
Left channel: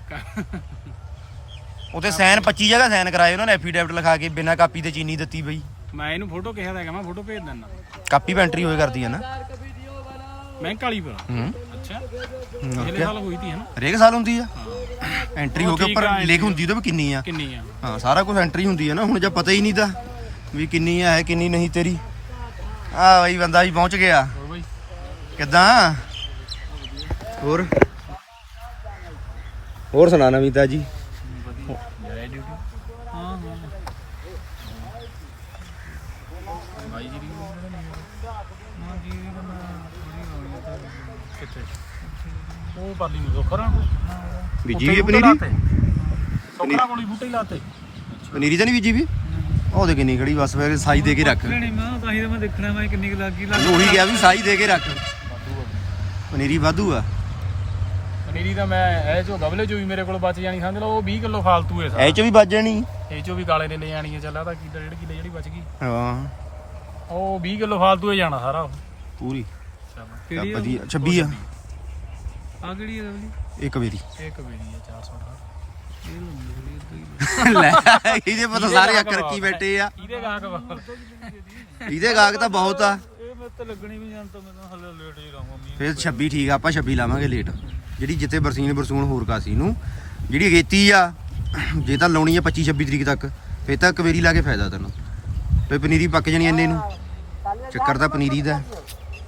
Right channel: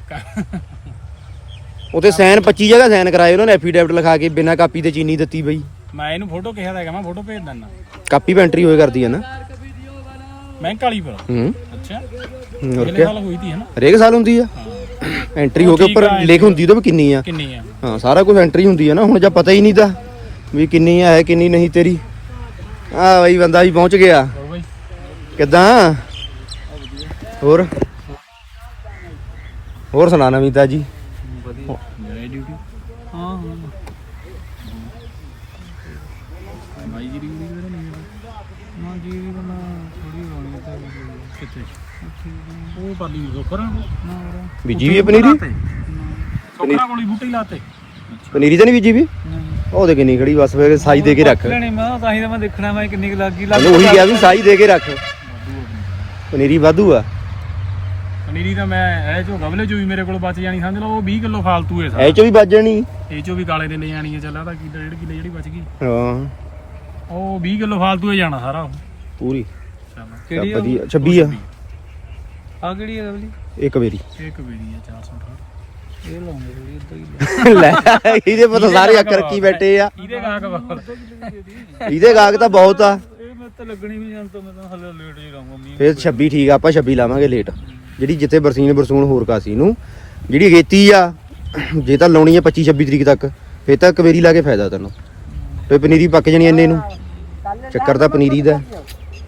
A: ਉਤੇ ਸਾਈਨ 25 ਜਗ੍ਹਾ ਸਾਈਨ ਕਰਾਏ ਉਹਨਾਂ ਨੇ ਐਫੀਡੈਵਿਟ ਲਿਖਾ ਕੇ ਬਿਨਾਂ ਕਾਪੀ ਤੇ ਚੀਨੀ ਦਿੱਤੀ ਬਈ।
C: ਮੈਂ ਇਹਨੂੰ ਫੋਟੋ ਕਿਹਾ ਹੈਗਾ ਮੈਂ ਫੋਟੋ ਭੇਜ ਦਿੰਦਾ।
A: ਕਾਪੀ ਪੈਂਟਰੀ ਹੋਏ ਕਰਦੀ ਆ ਨਾ।
C: ਵਾਲੀ ਪਰ
A: ਹੂੰ।
C: ਅੱਛਾ। ਸਾਲ ਹੋਈ ਤੀ ਹੈ ਨਾ
A: ਹਰੇਕ ਸਾਲ ਹੁੰਦੀ ਆ। ਐਂਟਰੀ ਹੋ ਕੇ ਉੱਪਰ ਲਿਖ ਹੁੰਦੀ ਉਹਦੇ ਵੀ ਕਿੰਨੀ ਆ।
C: ਕਿੰਨੀ ਆ।
A: ਹਾਂ ਸਾਰਾ ਕੁਝ ਐਂਟਰੀ ਹੁੰਦੀ ਆ ਨਾ ਹੁਣ ਜਾਂ ਪਤਾ ਹੀ ਨਹੀਂ ਤਾਂ ਵੀ ਕਿੰਨੀ ਆ ਹੈ ਕਿੰਨੀ ਨਹੀਂ ਤੇਰੀ। ਆ ਬਈ ਬੰਦਾ ਵੀ ਪਹੁੰਚ ਗਿਆ। ਕਿੱਦਾਂ? ਹੋਰ? ਹੋਰ ਸੁਣਾ ਨਵੀਂ ਤਾਜੀ?
C: ਵਧੀਆ। ਡਿਊਟੀ ਹਾਂ ਹਾਂ। ਭਾਈ ਜੀ ਨਾ ਜੀ ਦੀ ਮੈਂ ਥੋੜੀ ਹੋਣੀ ਤਾਂ ਕਿੱਥੇ? ਉਹ ਪਾਲੀ ਨੂੰ ਖਰਾ ਨਾ। ਉਹਦਾ
A: ਬੀਜੀ ਵੀ ਪਨੀਰੀ?
C: ਸੋਕਰਾ ਕੋਲੀ ਬੂਟੇ ਹੀ ਲਾਤੇ।
A: ਪਨੀਰੀ ਤਾਂ ਨਹੀਂ ਬੀਜੀ ਵੀ? ਉਹ ਦੇ ਕਿੰਨੀ ਖੜੀ ਬਸ ਫੇਰ ਸਾਈ ਦੇ ਕੇ ਰੱਖ।
C: ਲੈਣੇ ਮੈਂ ਤਾਂ ਹੀ ਤਾਂ ਮੈਂ ਦੇਖਣਾ ਮੈਂ ਕਿੰਨੀ ਲੱਗ।
A: ਉਹਨੂੰ ਉਹੀ ਕਿਹਾ ਵੀ ਸਾਈ ਦੇ ਕੇ ਰੱਖ। ਪਨੀਰੀ ਵਾਧੂ ਆ।
C: ਪਨੀਰੀ ਤਾਂ ਮੈਂ ਇਹ ਚੋ ਗਵਲੇ ਚੋ ਵੀ ਮੇਰੇ ਕੋਲ ਬਚ ਜਾਣੀ ਸਮਝ ਲਓ ਉਹ 20 ਕਿਲੋ ਫਾਲਤੂ ਹੈ
A: ਐ
C: ਸਾਰਾ
A: ਚ ਵੀ ਵੱਜ ਜਾਣੀ?
C: ਇਹ ਚੋ ਵੀ ਕਾਲੇ ਦੇ ਲੈ ਜਾਣੀ ਹੈ ਚੱਲਾ ਤਾਂ ਕਿਲੋ ਡੇਢ ਕਿਲੋ ਜਿਹੜੀ ਬਚ ਗਈ।
A: ਹਾਂ।
C: ਉਹ 20 ਕਿਲੋ ਫਾਲਤੂ ਹੈ ਜਾਣਾ ਸਾਰਾ ਉਹ।
A: ਪੂਰੀ।
C: ਚੱਲ।
A: ਚੱਲ ਵਧੀਆ 26 ਆ।
C: ਆ ਕਿਹੜੀ ਹੈ ਗਵਲੀ?
A: ਇੱਕ ਵੇਰੀ
C: ਇਹ ਕਬੀਰੀ ਹੈ 418 ਇਹ ਲਾਉਂਗੇ ਥੋੜੀ ਇੱਧਰ ਹੀ
A: ਲੈ ਇਹਦੇ ਪਤਾ ਸਾਰੇ ਅੱਖ ਰੱਖੀ ਬੈਠੇ ਆ।
C: ਇਹਦੇ ਗਾਹਕ ਬਾਹਰ
A: ਇਹਦੇ ਗਾਹਕ ਤਾਂ ਬਹੁਤ ਆ।
C: ਇਹ ਮੈਂ ਤਾਂ ਲੱਗਣੀ ਵੀ ਜਾਂ ਤਾਂ ਮੈਂ ਤਾਂ ਹਲੇ ਲੇਟ ਹੀ ਰਹੂੰਗਾ ਮੀਂਹ
A: ਫਿਰ 26 ਠੀਕ ਆ ਆਪਾਂ 26 ਲਾਵਾਂਗੇ ਲੇਟ ਜਿਹੜੀ ਜਿੱਥੇ ਬਰਸੀਨ ਬਰਸੂਨ ਹੋਰ ਕਾਸੀ ਨੂੰ ਜਿਹੜੀ ਅਗੇਤੀ ਆ ਜੇ ਤਾਂ ਲਾਉਣੀ ਆ 25 26 ਤਰੀਕ ਤੱਕ ਫਿਰ ਤਾਂ ਕਵੇਰੀ ਲਾ ਕੇ ਫਾਇਦਾ ਤੈਨੂੰ। ਫੇ ਪਨੀਰੀ ਪੱਕ ਜਣੀ ਇੰਨੇ ਨੂੰ। ਚੱਕਰ ਤਾਂ ਪਨੀਰੀ ਦਾ।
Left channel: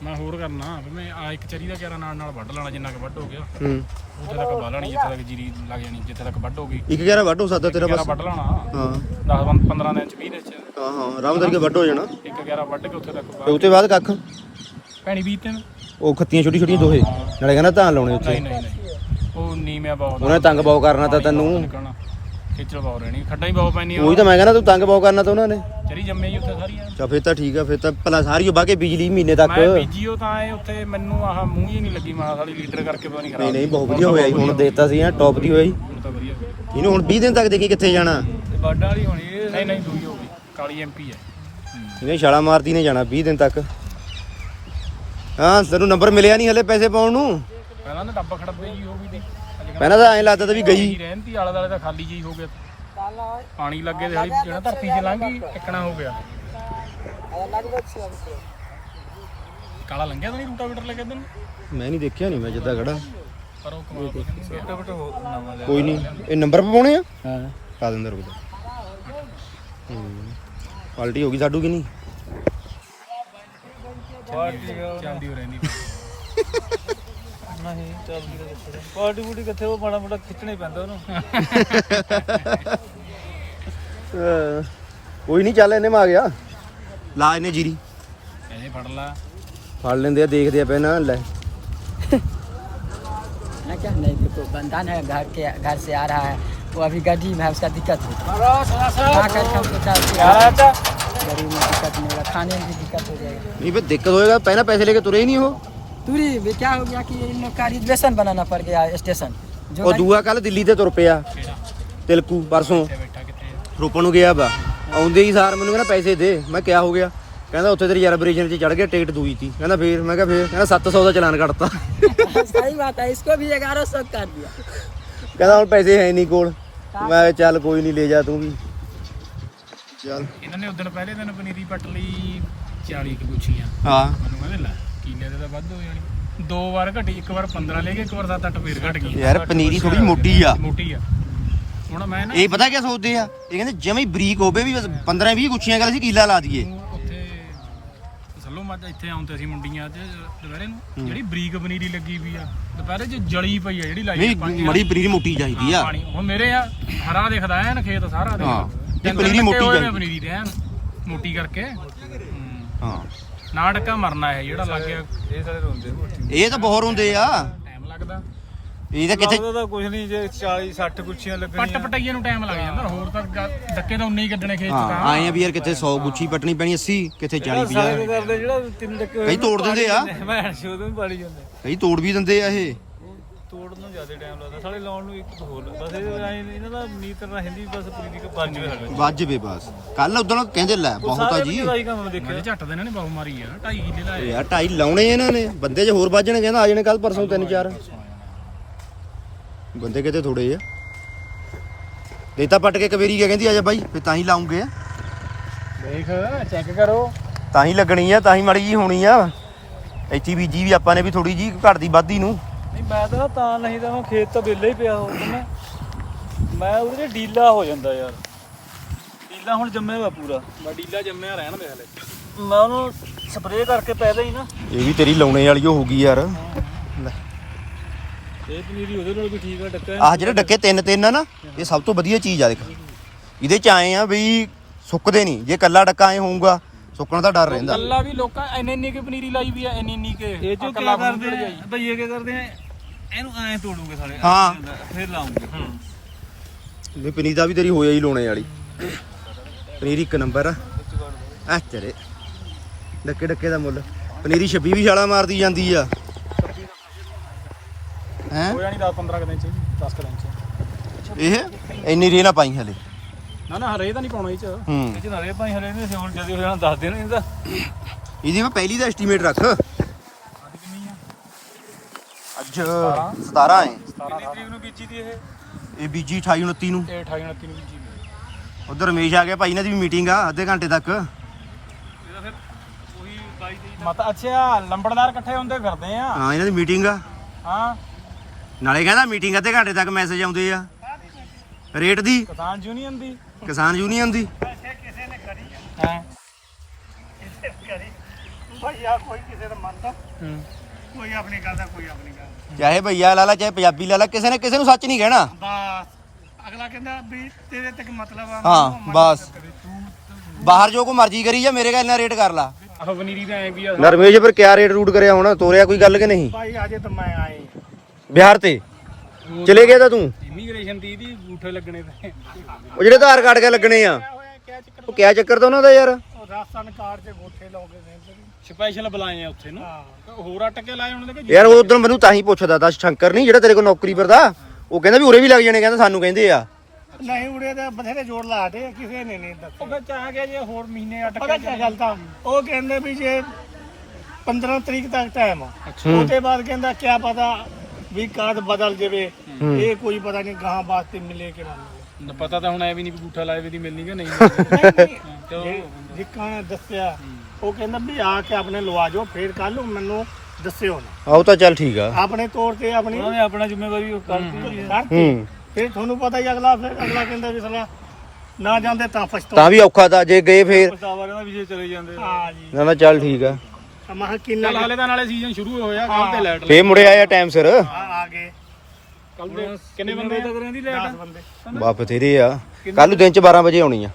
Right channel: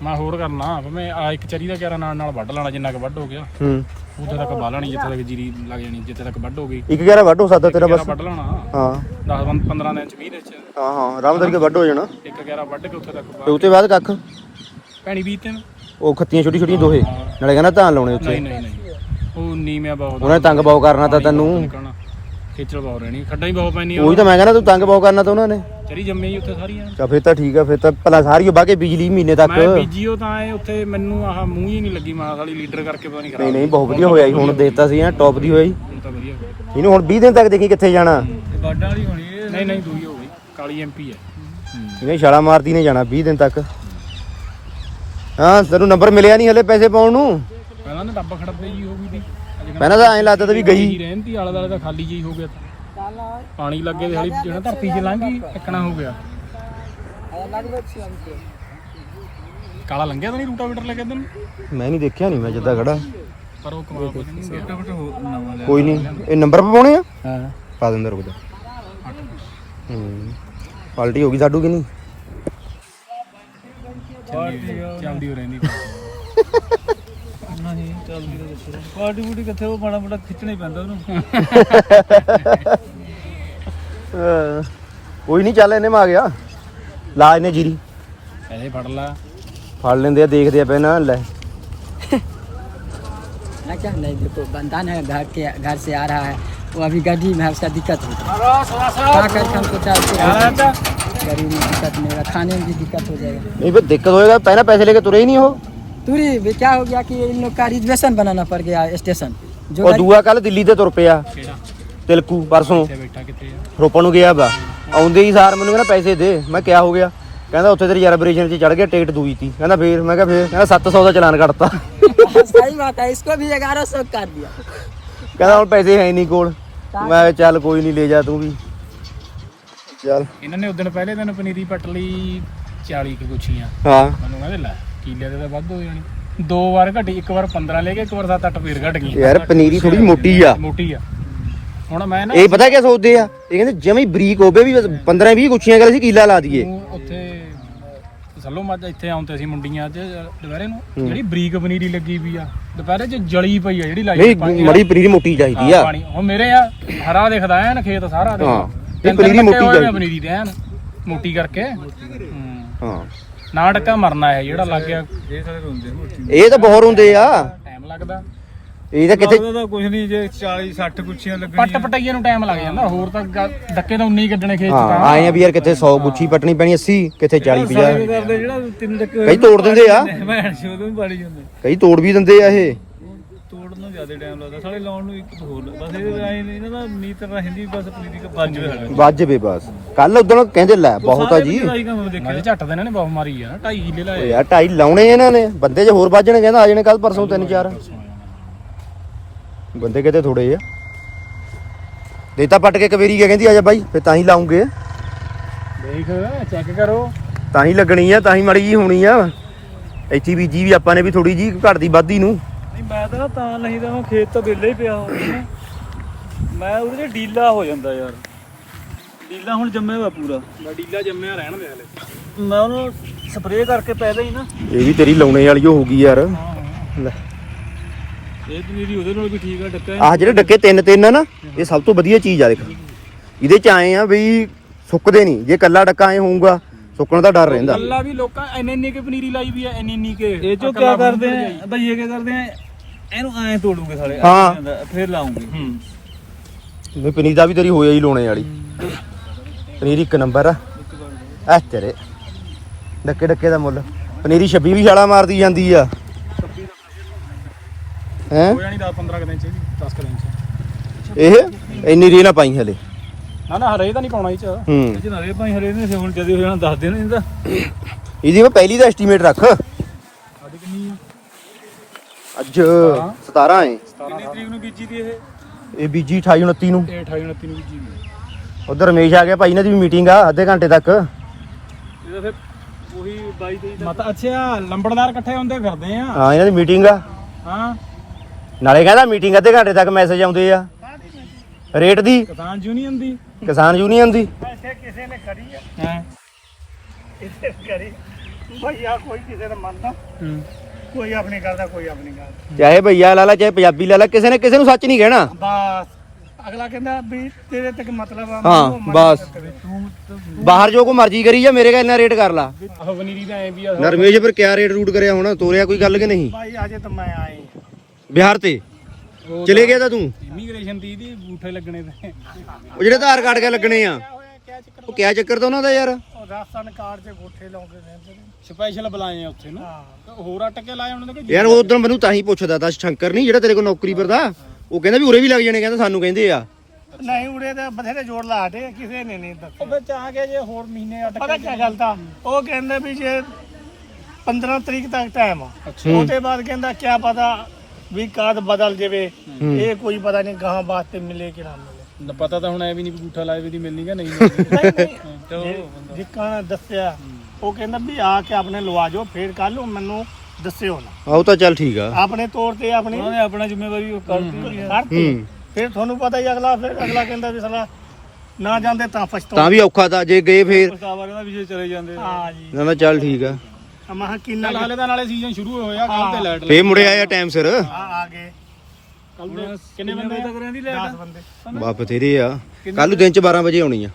C: ਮੈਂ ਹੋਰ ਕਰਨਾ ਵੀ ਮੈਂ ਆ ਇੱਕ ਚਰੀ ਦਾ ਕਿਆਰਾ ਨਾਲ ਨਾਲ ਵੱਢ ਲੈਣਾ ਜਿੰਨਾ ਕੁ ਵੱਢ ਹੋ ਗਿਆ।
A: ਹੂੰ।
C: ਉੱਥੇ ਤੱਕ ਬਾਹ ਲੈਣੀ ਜਿੱਥੇ ਤੱਕ ਜੀਰੀ ਲੱਗ ਜਾਣੀ ਜਿੱਥੇ ਤੱਕ ਵੱਢ ਹੋ ਗਈ।
A: ਇੱਕ ਗਿਆਰਾ ਵੱਢ ਹੋ ਸਕਦਾ ਤੇਰਾ ਬਸ।
C: ਵੱਢ ਲੈਣਾ।
A: ਹਾਂ।
C: 10 15 ਦਿਨ ਚ 20 ਦਿਨ ਚ।
A: ਹਾਂ ਹਾਂ। ਆਰਾਮ ਕਰਕੇ ਵੱਢ ਹੋ ਜਾਣਾ।
C: ਇੱਕ ਕਿਆਰਾ ਵੱਢ ਕੇ ਉੱਥੇ ਤੱਕ
A: ਤੇ
C: ਬਾਹ
A: ਉਤੇ ਬਾਅਦ ਕੱਖ?
C: ਭੈਣੀ ਬੀਜ ਤੇ
A: ਉਹ ਖੱਤੀਆਂ ਛੋਟੀ ਛੋਟੀਆਂ ਦੋਹੇ। ਨਾਲੇ ਕਹਿੰਦਾ ਧਾਨ ਲਾਉਣੇ ਉੱਥੇ।
C: ਨਹੀਂ ਨਹੀਂ ਨਹੀਂ। ਉਹ ਨੀਮਿਆ ਬਹੁਤ
A: ਉਹਨੇ ਤੰਗ ਬਾਉ ਕਰਨਾ ਤਾਂ ਤੈਨੂੰ।
C: ਨਿਕਲਣਾ। ਖੇਚਲ ਬਹੁਤ ਰਹਿਣੀ ਖੱਡਾਂ ਹੀ ਬਹੁਤ ਪੈਣੀ
A: ਉਹੀ ਤਾਂ ਮੈਂ ਕਹਿੰਦਾ ਤੂੰ ਤੰਗ ਬਾਉ ਕਰਨਾ ਤਾਂ ਉਹਨਾਂ ਨੇ।
C: ਚਰੀ ਜੰਮੇ ਹੀ ਉੱਥੇ ਸਾਰੀਆਂ
A: ਤਾਂ ਫਿਰ ਤਾਂ ਠੀਕ ਆ ਫਿਰ ਤਾਂ ਭਲਾ ਸਾਰੀ ਉਹ ਬਾਕੇ ਬਿਜਲੀ ਮਹੀਨੇ ਤੱਕ।
C: ਮੈਂ ਬੀਜੀਓ ਤਾਂ ਐ ਉੱਥੇ ਮੈਨੂੰ ਆਹ ਮੂੰਹ ਹੀ ਨਹੀਂ ਲੱਗੀ ਮਾਂ ਵਾਲੀ ਲੀਡਰ ਕਰਕੇ ਪਤਾ ਨਹੀਂ
A: ਨਹੀਂ
C: ਖਰਾਬ
A: ਨਹੀਂ ਬਹੁਤ ਵਧੀਆ ਹੋਇਆ ਜੀ ਹੁਣ ਦੇਤਾ ਸੀ ਨਾ ਟੌਪ ਦੀ ਹੋਈ।
C: ਹੁਣ ਤਾਂ ਵਧੀਆ
A: ਇਹਨੂੰ ਹੁਣ 20 ਦਿਨ ਤੱਕ ਦੇਖੀ ਕਿੱਥੇ ਜਾਣਾ।
C: ਬਾਡਾ ਵਾਲੀ ਹੋਣੀ ਨਹੀਂ ਨਹੀਂ ਦੂਈ ਹੋ ਗਈ। ਕਾਲੀ ਐਮਪੀ ਹੈ।
A: ਇਹਨੇ ਛਾਲਾ ਮਾਰਦੀ ਨੇ ਜਾਣਾ 20 ਦਿਨ ਤੱਕ। ਹਾਂ ਤੈਨੂੰ ਨੰਬਰ ਮਿਲਿਆ ਨਹੀਂ ਹਲੇ ਪੈਸੇ ਪਾਉਣ ਨੂੰ।
C: ਪਹਿਲਾਂ ਨਾ ਡੱਬਾ ਖੜਦੇ ਜੀ ਹੋ ਗਈ ਦੀ
A: ਪਹਿਲਾਂ ਤਾਂ ਐਂ ਲੱਗਦਾ ਤਾ ਵੀ ਗਈ।
C: ਰਹਿੰਦੀ ਆਲੇ ਦਾਲੇ ਤਾਂ ਖਾਲੀ ਜਿਹੀ ਹੋ ਗਿਆ ਪਾਣੀ ਲੱਗੇ ਤੇ ਹਾਲੀ ਜਿਹੜਾ ਧਰਤੀ 'ਚ ਲੰਘੀ ਟੱਕਣਾ ਹੋ ਗਿਆ। ਕਾਲਾ ਲੰਘਿਆ ਤਾਂ ਨਹੀਂ ਰੂਟਾਵੇਟਰ ਲੈ ਕੇ ਦਿਨ
A: ਮੈਂ ਨਹੀਂ ਦੇਖਿਆ ਨਹੀਂ ਮੈਂ ਜਿੱਦਾਂ ਖੜਾ।
C: ਪਰ ਉਹ ਕਮਾਲ ਪਤਾ ਨਹੀਂ ਗਿਆ ਨਵਾਂ ਲਿਆ
A: ਕੋਈ ਨਹੀਂ ਇਹ ਨੰਬਰ ਪਾਉਣੇ ਆ?
C: ਹਾਂ।
A: ਪਾ ਦਿੰਦਾ ਰੁਕ ਜਾ। ਹੂੰ ਪਾਲਟੀ ਹੋ ਗਈ ਸਾਡੂ ਕਿ ਨਹੀਂ?
C: ਚੱਲਦੀ ਹੋ ਰਹਿੰਦੀ। ਨਹੀਂ ਚੱਲਦੀ ਪਾਰਟੀ ਬੂਟੀ ਕਿੱਥੇ ਉਹ ਬੜਾ ਬੜਾ ਖਿੱਚਣਾ ਹੀ ਪੈਂਦਾ ਉਹਨੂੰ
A: ਹਾਂ। ਕੋਈ ਨਹੀਂ ਚੱਲ ਇਹਨੇ ਮਾ ਗਿਆ ਲਾ ਇਹਨੇ ਜੀਰੀ
C: ਪੈਸੇ ਫੜ ਲਾ
A: ਫੜ ਲੈਂਦੇ ਆ ਦੇਖਦੇ ਆ ਪਹਿਲਾਂ ਲੈ
D: क्या नहीं तो बंधन है घर के घर से आ रहा है वो अभी गड्ढी में है उसका दिक्कत है क्या कर हमको डालते हैं गड्ढी में दिक्कत नहीं होगा खाने में भी दिक्कत हो जाएगा
A: ਨਹੀਂ ਫਿਰ ਦਿੱਕਤ ਹੋਏਗਾ ਪਹਿਲਾਂ पैसे लेके तुरे ही नहीं हो
D: दूरी भी क्या हो गया कि इन लोग का रिजर्वेशन बनाना पड़ गया स्टेशन जो
A: ਉਹ ਦੂਆ ਕੱਲ ਦਿੱਲੀ ਤੇ ਤੁਰ ਪਿਆ
C: ਕਿਹੜਾ
A: ਤਿਲਕੂ ਪਰਸੋਂ
C: ਇੱਥੇ ਬੈਠਾ ਕਿੱਥੇ ਆ
A: ਰੋਪਣ ਨੂੰ ਗਿਆ ਵਾ ਆਉਂਦੇ ਹੀ ਸਾਰ ਮੈਨੂੰ ਕਹਿੰਦਾ ਪੈਸੇ ਦੇ ਮੈਂ ਕਿਹਾ ਹੋ ਗਿਆ ਕਹਿੰਦਾ ਉੱਥੇ ਤੇ ਰਿਜ਼ਰਵੇਸ਼ਨ 'ਚ ਚੜ ਗਿਆ ਟਿਕਟ ਦੂਈ ਤੀ ਕਹਿੰਦਾ ਫੇਰ ਮੈਂ ਕਿਹਾ ਫੇਰ ਕਹਿੰਦਾ 700 ਦਾ ਚਲਾਨ ਕੱਟਤਾ
D: सही बात है इसको भी ग्यारह सौ कर दिया
A: ਕਹਿੰਦਾ ਹੁਣ ਪੈਸੇ ਹੈ ਨਹੀਂ ਕੋਲ ਮੈਂ ਕਿਹਾ ਚੱਲ ਕੋਈ ਨਹੀਂ ਲੈ ਜਾ ਤੂੰ ਵੀ ਚੱਲ
C: ਇਹਨਾਂ ਨੇ ਉਦੋਂ ਪਹਿਲੇ ਦਿਨ ਪਨੀਰੀ ਪੱਟ ਲਈ 40 ਕੁ ਗੁੱਛੀਆਂ
A: ਹਾਂ
C: ਮੈਨੂੰ ਕਹਿੰਦੇ ਲੈ ਕੀਲੇ ਦੇ ਤਾਂ ਵੱਧ ਹੋ ਜਾਣੀ। ਦੋ ਵਾਰ ਘਟੀ ਇੱਕ ਵਾਰ 15 ਲੈ ਕੇ ਇੱਕ ਵਾਰ 7-8 ਫੇਰ ਘਟ ਗਈ
A: ਯਾਰ ਪਨੀਰੀ ਥੋੜੀ ਮੋਟੀ ਆ।
C: ਮੋਟੀ ਆ। ਹੁਣ ਮੈਂ ਨਾ
A: ਇਹ ਪਤਾ ਕੀ ਸੋਚਦੇ ਆ? ਇਹ ਕਹਿੰਦੇ ਜਮੀ ਬਰੀਕ ਹੋਵੇ ਵੀ 15 20 ਗੁੱਛੀਆਂ ਕਰ ਅਸੀਂ ਕੀਲਾ ਲਾ ਦਈਏ।
C: ਉੱਥੇ ਸੱਲੋ ਮੱਝ ਇੱਥੇ ਆਉਂਦੇ ਸੀ ਮੁੰਡੀਆਂ 'ਚ ਦੁਪਹਿਰੇ ਨੂੰ ਜਿਹੜੀ ਬਰੀਕ ਪਨੀਰੀ ਲੱਗੀ ਵੀ ਆ ਦੁਪਹਿਰੇ 'ਚ ਜਲੀ ਪਈ ਆ ਜਿਹੜੀ ਲਾਈ
A: ਨਹੀਂ ਮੜੀ ਪਨੀਰੀ ਮੋਟੀ ਚਾਹੀਦੀ ਆ।
C: ਪਾਣੀ। ਹੁਣ ਮੇਰੇ ਆ ਹਰਾ ਦਿਖਦਾ ਐਨ ਖੇਤ ਸਾਰਾ। ਦੇਖ
A: ਹਾਂ, ਪਨੀਰੀ ਮੋਟੀ ਚਾਹੀਦੀ।
C: ਪਨੀਰੀ ਦੇ ਐਨ ਮੋਟੀ ਕਰਕੇ। ਹੂੰ।
A: ਹਾਂ
C: ਨਾ ਟੱਕਾ ਮਰਨਾ ਹੈ ਜਿਹੜਾ ਲੱਗ ਗਿਆ। ਇਹ ਸਾਰੇ ਰੋਂਦੇ
A: ਇਹ ਤਾਂ ਬਹੁਤ ਹੁੰਦੇ ਆ।
C: ਟਾਈਮ ਲੱਗਦਾ।
A: ਇਹ ਤਾਂ ਕਿਤੇ
C: ਤਾਂ ਕੁਝ ਨਹੀਂ ਜੇ 40 60 ਕੁੱਛੀਆਂ ਲੱਗਣੀਆਂ। ਪੱਟ ਪਟਾਈਏ ਨੂੰ ਟਾਈਮ ਲੱਗ ਜਾਂਦਾ। ਹੋਰ ਤਾਂ ਡੱਕੇ ਤਾਂ ਉਨੇ ਹੀ ਕੱਢਣੇ ਖੇਤ 'ਚ
A: ਹਾਂ
C: ਤਾਂ
A: ਆਏ ਆ ਵੀ ਯਾਰ ਕਿਤੇ 100 ਗੁੱਛੀ ਪਟਣੀ ਪੈਣੀ 80 ਕਿਤੇ 40 50
C: ਜਿਹੜਾ ਤਿੰਨ ਡੱਕੇ
A: ਕਈ ਤੋੜ ਦਿੰਦੇ ਆ।
C: ਮੈਂ ਸ਼ੋਦੋਂ ਹੀ ਪਾੜੀ ਜਾਂਦੇ
A: ਕਈ ਤੋੜ ਵੀ ਦਿੰਦੇ ਆ ਇਹ।
C: ਜ਼ਿਆਦਾ ਟਾਈਮ ਲੱਗਦਾ ਸਾਰੇ ਲਾਉਣ ਨੂੰ ਇੱਕ ਹੋਰ ਬਸ ਇਹ ਐਂ ਨੀ ਇਹਨਾਂ ਦਾ ਨੀਤ ਰਹਿੰਦੀ ਬਸ ਪਨੀਰੀ ਕਾ ਪੰਜ ਹੋਇਆ
A: ਵੱਜ ਵੇ ਬਸ। ਕੱਲ ਉਦੋਂ ਕਹਿੰਦੇ ਲੈ ਬਹੁਤ ਆ ਜੀ।
C: ਕੰਮ ਦੇਖਿਆ ਮੈਂ ਝੱਟ ਦੇ ਇਹਨਾਂ ਨੇ ਬਹੁਤ ਮਾਰੀ ਆ ਨਾ 2.5 ਕਿੱਲੇ
A: ਓ
C: ਲਾਏ
A: ਯਾਰ ਢਾਈ ਲਾਉਣੇ ਇਹਨਾਂ ਨੇ ਬੰਦੇ ਜੇ ਹੋਰ ਵੱਜਣੇ ਕਹਿੰਦਾ ਆ ਜਾਣੇ ਕੱਲ ਪਰਸੋਂ ਤਿੰਨ ਚਾਰ। ਬੰਦੇ ਕਿਤੇ ਥੋੜੇ ਆ। ਦੇਤਾ ਪੱਟ ਕੇ ਕਵੇਰੀ ਗਿਆ ਕਹਿੰਦੀ ਆ ਜਾ ਬਾਈ ਫੇ ਤਾਂ ਹੀ ਲਾਉਂਗੇ।
C: ਦੇਖ ਚੈੱਕ ਕਰੋ।
A: ਤਾਂ ਹੀ ਲੱਗਣੀ ਆ ਤਾਂ ਹੀ ਮੜੀ ਜੀ ਹੋਣੀ ਆ। ਇੱਥੇ ਬੀਜੀ ਵੀ ਆਪਾਂ ਨੇ ਵੀ ਥੋੜੀ ਜੀ ਘਰ ਦੀ ਵਾਧੀ ਨੂੰ।
C: ਨਹੀਂ ਮੈਂ ਤਾਂ ਤਾਂ ਨਹੀਂ ਤਾਂ ਮੈਂ ਖੇਤ ਤਾਂ ਵਿਹਲੇ ਹੀ ਪਿਆ ਹੋਣਾ ਮੈਂ ਉਹਦੇ ਚ ਡੀਲਾ ਹੋ ਜਾਂਦਾ ਯਾਰ। ਡੀਲਾ ਹੁਣ ਜੰਮਿਆ ਵਾ ਪੂਰਾ। ਮੈਂ ਡੀਲਾ ਜੰਮਿਆ ਰਹਿਣ ਦੇ ਮੈਂ ਉਹਨੂੰ ਸਪਰੇਅ ਕਰਕੇ ਪਹਿਲਾਂ ਹੀ ਨਾ।
A: ਇਹ ਵੀ ਤੇਰੀ ਲਾਉਣੇ ਵਾਲੀ ਹੋ ਗਈ ਯਾਰ। ਲੈ।
C: ਇਹ ਪਨੀਰੀ ਉਹਦੇ ਨਾਲ ਵੀ ਠੀਕ ਹੈ ਡੱਕੇ।
A: ਆਹ ਜਿਹੜੇ ਡੱਕੇ ਤਿੰਨ ਤਿੰਨ ਆ ਨਾ ਇਹ ਸਭ ਤੋਂ ਵਧੀਆ ਚੀਜ਼ ਆ ਦੇਖ। ਇਹਦੇ ਚ ਆਏ ਆ ਬਈ ਸੁੱਕਦੇ ਨਹੀਂ। ਜੇ ਕੱਲਾ ਡੱਕਾ ਐ ਹੋਊਗਾ ਸੁੱਕਣ ਦਾ ਡਰ ਰਹਿੰਦਾ।
C: ਕੱਲਾ ਵੀ ਲੋਕਾਂ ਇੰਨੇ ਇੰਨੇ ਕੇ ਪਨੀਰੀ ਲਾਈ ਵੀ ਆ ਇੰਨੇ ਇੰਨੇ ਕੇ ਇਹ ਜੋ ਕੀ ਕਰਦੇ ਆ? ਭਈਏ ਕੀ ਕਰਦੇ ਆ? ਇਹਨੂੰ ਐਂ ਤੋੜੂਗੇ ਸਾਲੇ
A: ਹਾਂ।
C: ਫਿਰ ਲਾਉਂਗੇ।
A: ਵੀ ਪਨੀਰ ਦਾ ਵੀ ਤੇਰੀ ਹੋਇਆ ਹੀ ਲਾਉਣੇ ਵਾਲੀ। ਪਨੀਰ ਇੱਕ ਨੰਬਰ ਆ। ਐ ਤੇਰੇ। ਡੱਕੇ ਡੱਕੇ ਦਾ ਮੁੱਲ। ਪਨੀਰੀ 26 ਵੀ ਛਾਲਾ ਮਾਰਦੀ ਜਾਂਦੀ ਆ। ਹੈ?
C: ਹੋ ਜਾਣੀ 10 15 ਦਿਨ ਚ ਇਹਦੀ 10 ਦਿਨ ਚ।
A: ਇਹ? ਇੰਨੀ ਰੀ ਨਾ ਪਾਈ ਹਲੇ।
C: ਨਾ ਨਾ ਹਰੇ ਤਾਂ ਨਹੀਂ ਪਾਉਣਾ ਇਹ ਚ।
A: ਹੂੰ।
C: ਇਹ ਚ ਨਾਲੇ ਭਾਈ ਹਰੇ ਨੇ ਹੁਣ ਜਦੇ ਹੋ ਜਾਣਾ ਦੱਸ ਦੇਣ ਇਹਦਾ।
A: ਇਹਦੀ ਮੈਂ ਪਹਿਲੀ ਦਾ ਐਸਟੀਮੇਟ ਰੱਖ।
C: ਅੱਜ ਕਿੰਨੀ ਆ?
A: ਅੱਜ 17 ਹੈ।
C: ਕਿੰਨੀ ਤਰੀਕ ਨੂੰ ਬੀਜੀ ਦੀ ਇਹ?
A: ਇਹ ਬੀਜੀ 28 29 ਨੂੰ।
C: ਇਹ 28 29 ਨੂੰ ਬੀਜੀ ਦੀ
A: ਉਧਰ ਰਮੇਸ਼ ਆ ਗਿਆ ਭਾਈ ਇਹਨਾਂ ਦੀ ਵੀ ਮੀਟਿੰਗ ਆ ਅੱਧੇ ਘੰਟੇ ਤੱਕ।
C: ਇਹਦਾ ਫਿਰ ਉਹੀ 22 23 ਮਤ ਅੱਛਾ ਲੰਬੜਦਾਰ ਇਕੱਠੇ ਹੁੰਦੇ ਫਿਰਦੇ ਆ।
A: ਹਾਂ ਇਹਨਾਂ ਦੀ ਮੀਟਿੰਗ ਆ।
C: ਹਾਂ।
A: ਨਾਲੇ ਕਹਿੰਦਾ ਮੀਟਿੰਗ ਅੱਧੇ ਘੰਟੇ ਤੱਕ ਮੈਸੇਜ ਆਉਂਦੇ ਆ। ਰੇਟ ਦੀ?
C: ਕਿਸਾਨ ਯੂਨੀਅਨ ਦੀ।
A: ਕਿਸਾਨ ਯੂਨੀਅਨ ਦੀ।
C: ਕਿਸੇ ਨੇ ਕਰੀ ਆ। ਹਾਂ। ਇੱਥੇ ਕਰੀ ਭਈਆ ਕੋਈ ਕਿਸੇ ਦਾ ਮੰਨਦਾ। ਕੋਈ ਆਪਣੀ ਗੱਲ ਦਾ ਕੋਈ ਆਪਣੀ ਗੱਲ
A: ਚਾਹੇ ਭਈਆ ਲਾ ਲਾ ਚਾਹੇ ਪੰਜਾਬੀ ਲਾ ਲਾ ਕਿਸੇ ਨੇ ਕਿਸੇ ਨੂੰ ਸੱਚ ਨਹੀਂ ਕਹਿਣਾ।
C: ਬਸ ਅਗਲਾ ਕਹਿੰਦਾ ਵੀ ਤੇਰੇ ਤੱਕ ਮਤਲਬ ਆ
A: ਹਾਂ,
C: ਮੈਨੂੰ ਉਹ
A: ਬਸ।
C: ਮੰਨ ਤੂੰ
A: ਬਾਹਰ ਜੋ ਕੋ ਮਰਜ਼ੀ ਕਰੀ ਜਾ ਮੇਰੇ ਕਾ ਇੰਨਾ ਰੇਟ ਕਰ ਲਾ।
C: ਆਹ ਵਨੀਰੀ ਦਾ ਐਂ ਵੀ ਆ।
A: ਨਾ ਰਮੇਸ਼ ਪਰ ਕਿਆ ਰੇਟ ਰੂਟ ਕਰਿਆ ਹੁਣ? ਤੋਰਿਆ ਕੋਈ ਗੱਲ ਕਿ ਨਹੀਂ?
C: ਭਾਈ ਅਜੇ ਤਾਂ ਮੈਂ ਆਏ
A: ਬਿਹਾਰ ਤੇ? ਚਲੇ ਗਿਆ ਤਾਂ ਤੂੰ?
C: ਇਮੀਗ੍ਰੇਸ਼ਨ ਦੀ ਦੀ ਬੂਠੇ ਲੱਗਣੇ ਤੇ।
A: ਉਹ ਜਿਹੜੇ ਆਧਾਰ ਕਾਰਡ ਕੇ ਲੱਗਣੇ ਆ?
C: ਕਿਆ ਚੱਕਰ?
A: ਉਹ ਕਿਆ ਚੱਕਰ ਤਾਂ ਉਹਨਾਂ ਦਾ ਯਾਰ?
C: ਉਹ ਰਾਜਸਥਾਨ ਕਾਰਡ ਤੇ ਬੂਠੇ ਲਾਉਂਦੇ ਨੇ। ਸਪੈਸ਼ਲ ਬੁਲਾਏ ਆ ਉੱਥੇ ਨਾ। ਹੋਰ ਅਟਕ ਕੇ ਲਾਏ ਉਹਨਾਂ ਦੇ
A: ਯਾਰ ਉਹ ਉਦੋਂ ਮੈਨੂੰ ਤਾਂ ਹੀ ਪੁੱਛਦਾ ਤਾ ਸ਼ੰਕਰ ਨਹੀਂ ਜਿਹੜਾ ਤੇਰੇ ਕੋਲ ਨੌਕਰੀ ਕਰਦਾ ਉਹ ਕਹਿੰਦਾ ਵੀ ਉਰੇ ਵੀ ਲੱਗ ਜਾਣੇ ਕਹਿੰਦਾ ਸਾਨੂੰ ਕਹਿੰਦੇ ਆ।
C: ਨਹੀਂ ਉੜੇ ਤਾਂ ਬਥੇਰੇ ਜੋੜ ਲਾਦੇ ਕਿਸੇ ਨੇ ਨਹੀਂ ਉਹ ਫਿਰ ਚਾਹ ਗਿਆ ਜੇ ਹੋਰ ਮਹੀਨੇ ਅਟਕ ਕੇ ਪਤਾ ਚੱਲਦਾ ਉਹ ਕਹਿੰਦਾ ਵੀ ਜੇ 15 ਤਰੀਕ ਤੱਕ ਟਾਈਮ ਆ। ਉਹਦੇ ਬਾਅਦ ਕਹਿੰਦਾ ਕਿਆ ਪਤਾ ਵੀ ਕਾਦ ਬਦਲ ਜਾਵੇ। ਇਹ ਕੋਈ ਪਤਾ ਨਹੀਂ ਗਾਹਾਂ ਵਾਸਤੇ ਮਿਲੇ ਕਿ ਨਾ ਮਿਲੇ। ਪਤਾ ਤਾਂ ਹੁਣ ਐ ਵੀ ਨਹੀਂ ਬੂਠਾ ਲਾਏ ਵੀ ਦੀ ਮਿਲਣੀ ਕਿ ਨਹੀਂ ਜਿੱਕਾਂ ਦੱਸਿਆ ਉਹ ਕਹਿੰਦਾ ਵੀ ਆ ਕੇ ਆਪਣੇ ਲਵਾ ਜਾਓ ਫੇਰ ਕੱਲ ਨੂੰ ਮੈਨੂੰ ਦੱਸਿਓ ਨਾ।
A: ਆਹ ਤਾਂ ਚੱਲ ਠੀਕ ਆ।
C: ਆਪਣੇ ਤੌਰ ਤੇ ਆਪਣੀ ਉਹਨੇ ਆਪਣਾ ਜ਼ਿੰਮੇਵਾਰੀ ਉਹ ਕਰਦੀ ਹੈ
A: ਹੂੰ।
C: ਫਿਰ ਤੁਹਾਨੂੰ ਪਤਾ ਹੀ ਅਗਲਾ ਫਿਰ ਅਗਲਾ ਕਹਿੰਦਾ ਵੀ ਸਾਲਾ ਨਾ ਜਾਂਦੇ ਤਾਂ ਪਛਤੋ
A: ਤਾਂ। ਵੀ ਔਖਾ ਤਾਂ ਜੇ ਗਏ ਫੇਰ।
C: ਪਛਤਾਵਾ ਕਹਿੰਦਾ ਵੀ ਜੇ ਚਲੇ ਜਾਂਦੇ ਹਾਂ ਜੀ।
A: ਨਾ ਨਾ ਚੱਲ ਠੀਕ ਆ।
C: ਕਿੰਨਾ ਤਾਂ ਨਾਲੇ ਸੀਜ਼ਨ ਸ਼ੁਰੂ ਹੋਇਆ ਕੱਲ ਤੇ ਲਾਈਟ
A: ਫੇਰ ਮੁੜੇ ਆਇਆ ਟਾਈਮ ਸਿਰ।
C: ਆ ਆ ਗਏ। ਕੱਲ ਕਿੰਨੇ ਬੰਦੇ ਤੱਕ ਰਹਿੰਦੀ ਲਾਈਟ ਬੰਦੇ।
A: ਵਾਪ ਤੇਰੇ ਆ। ਕੱਲ ਨੂੰ ਦਿਨ ਚ 12 ਵਜੇ ਆਉਣੀ ਆ।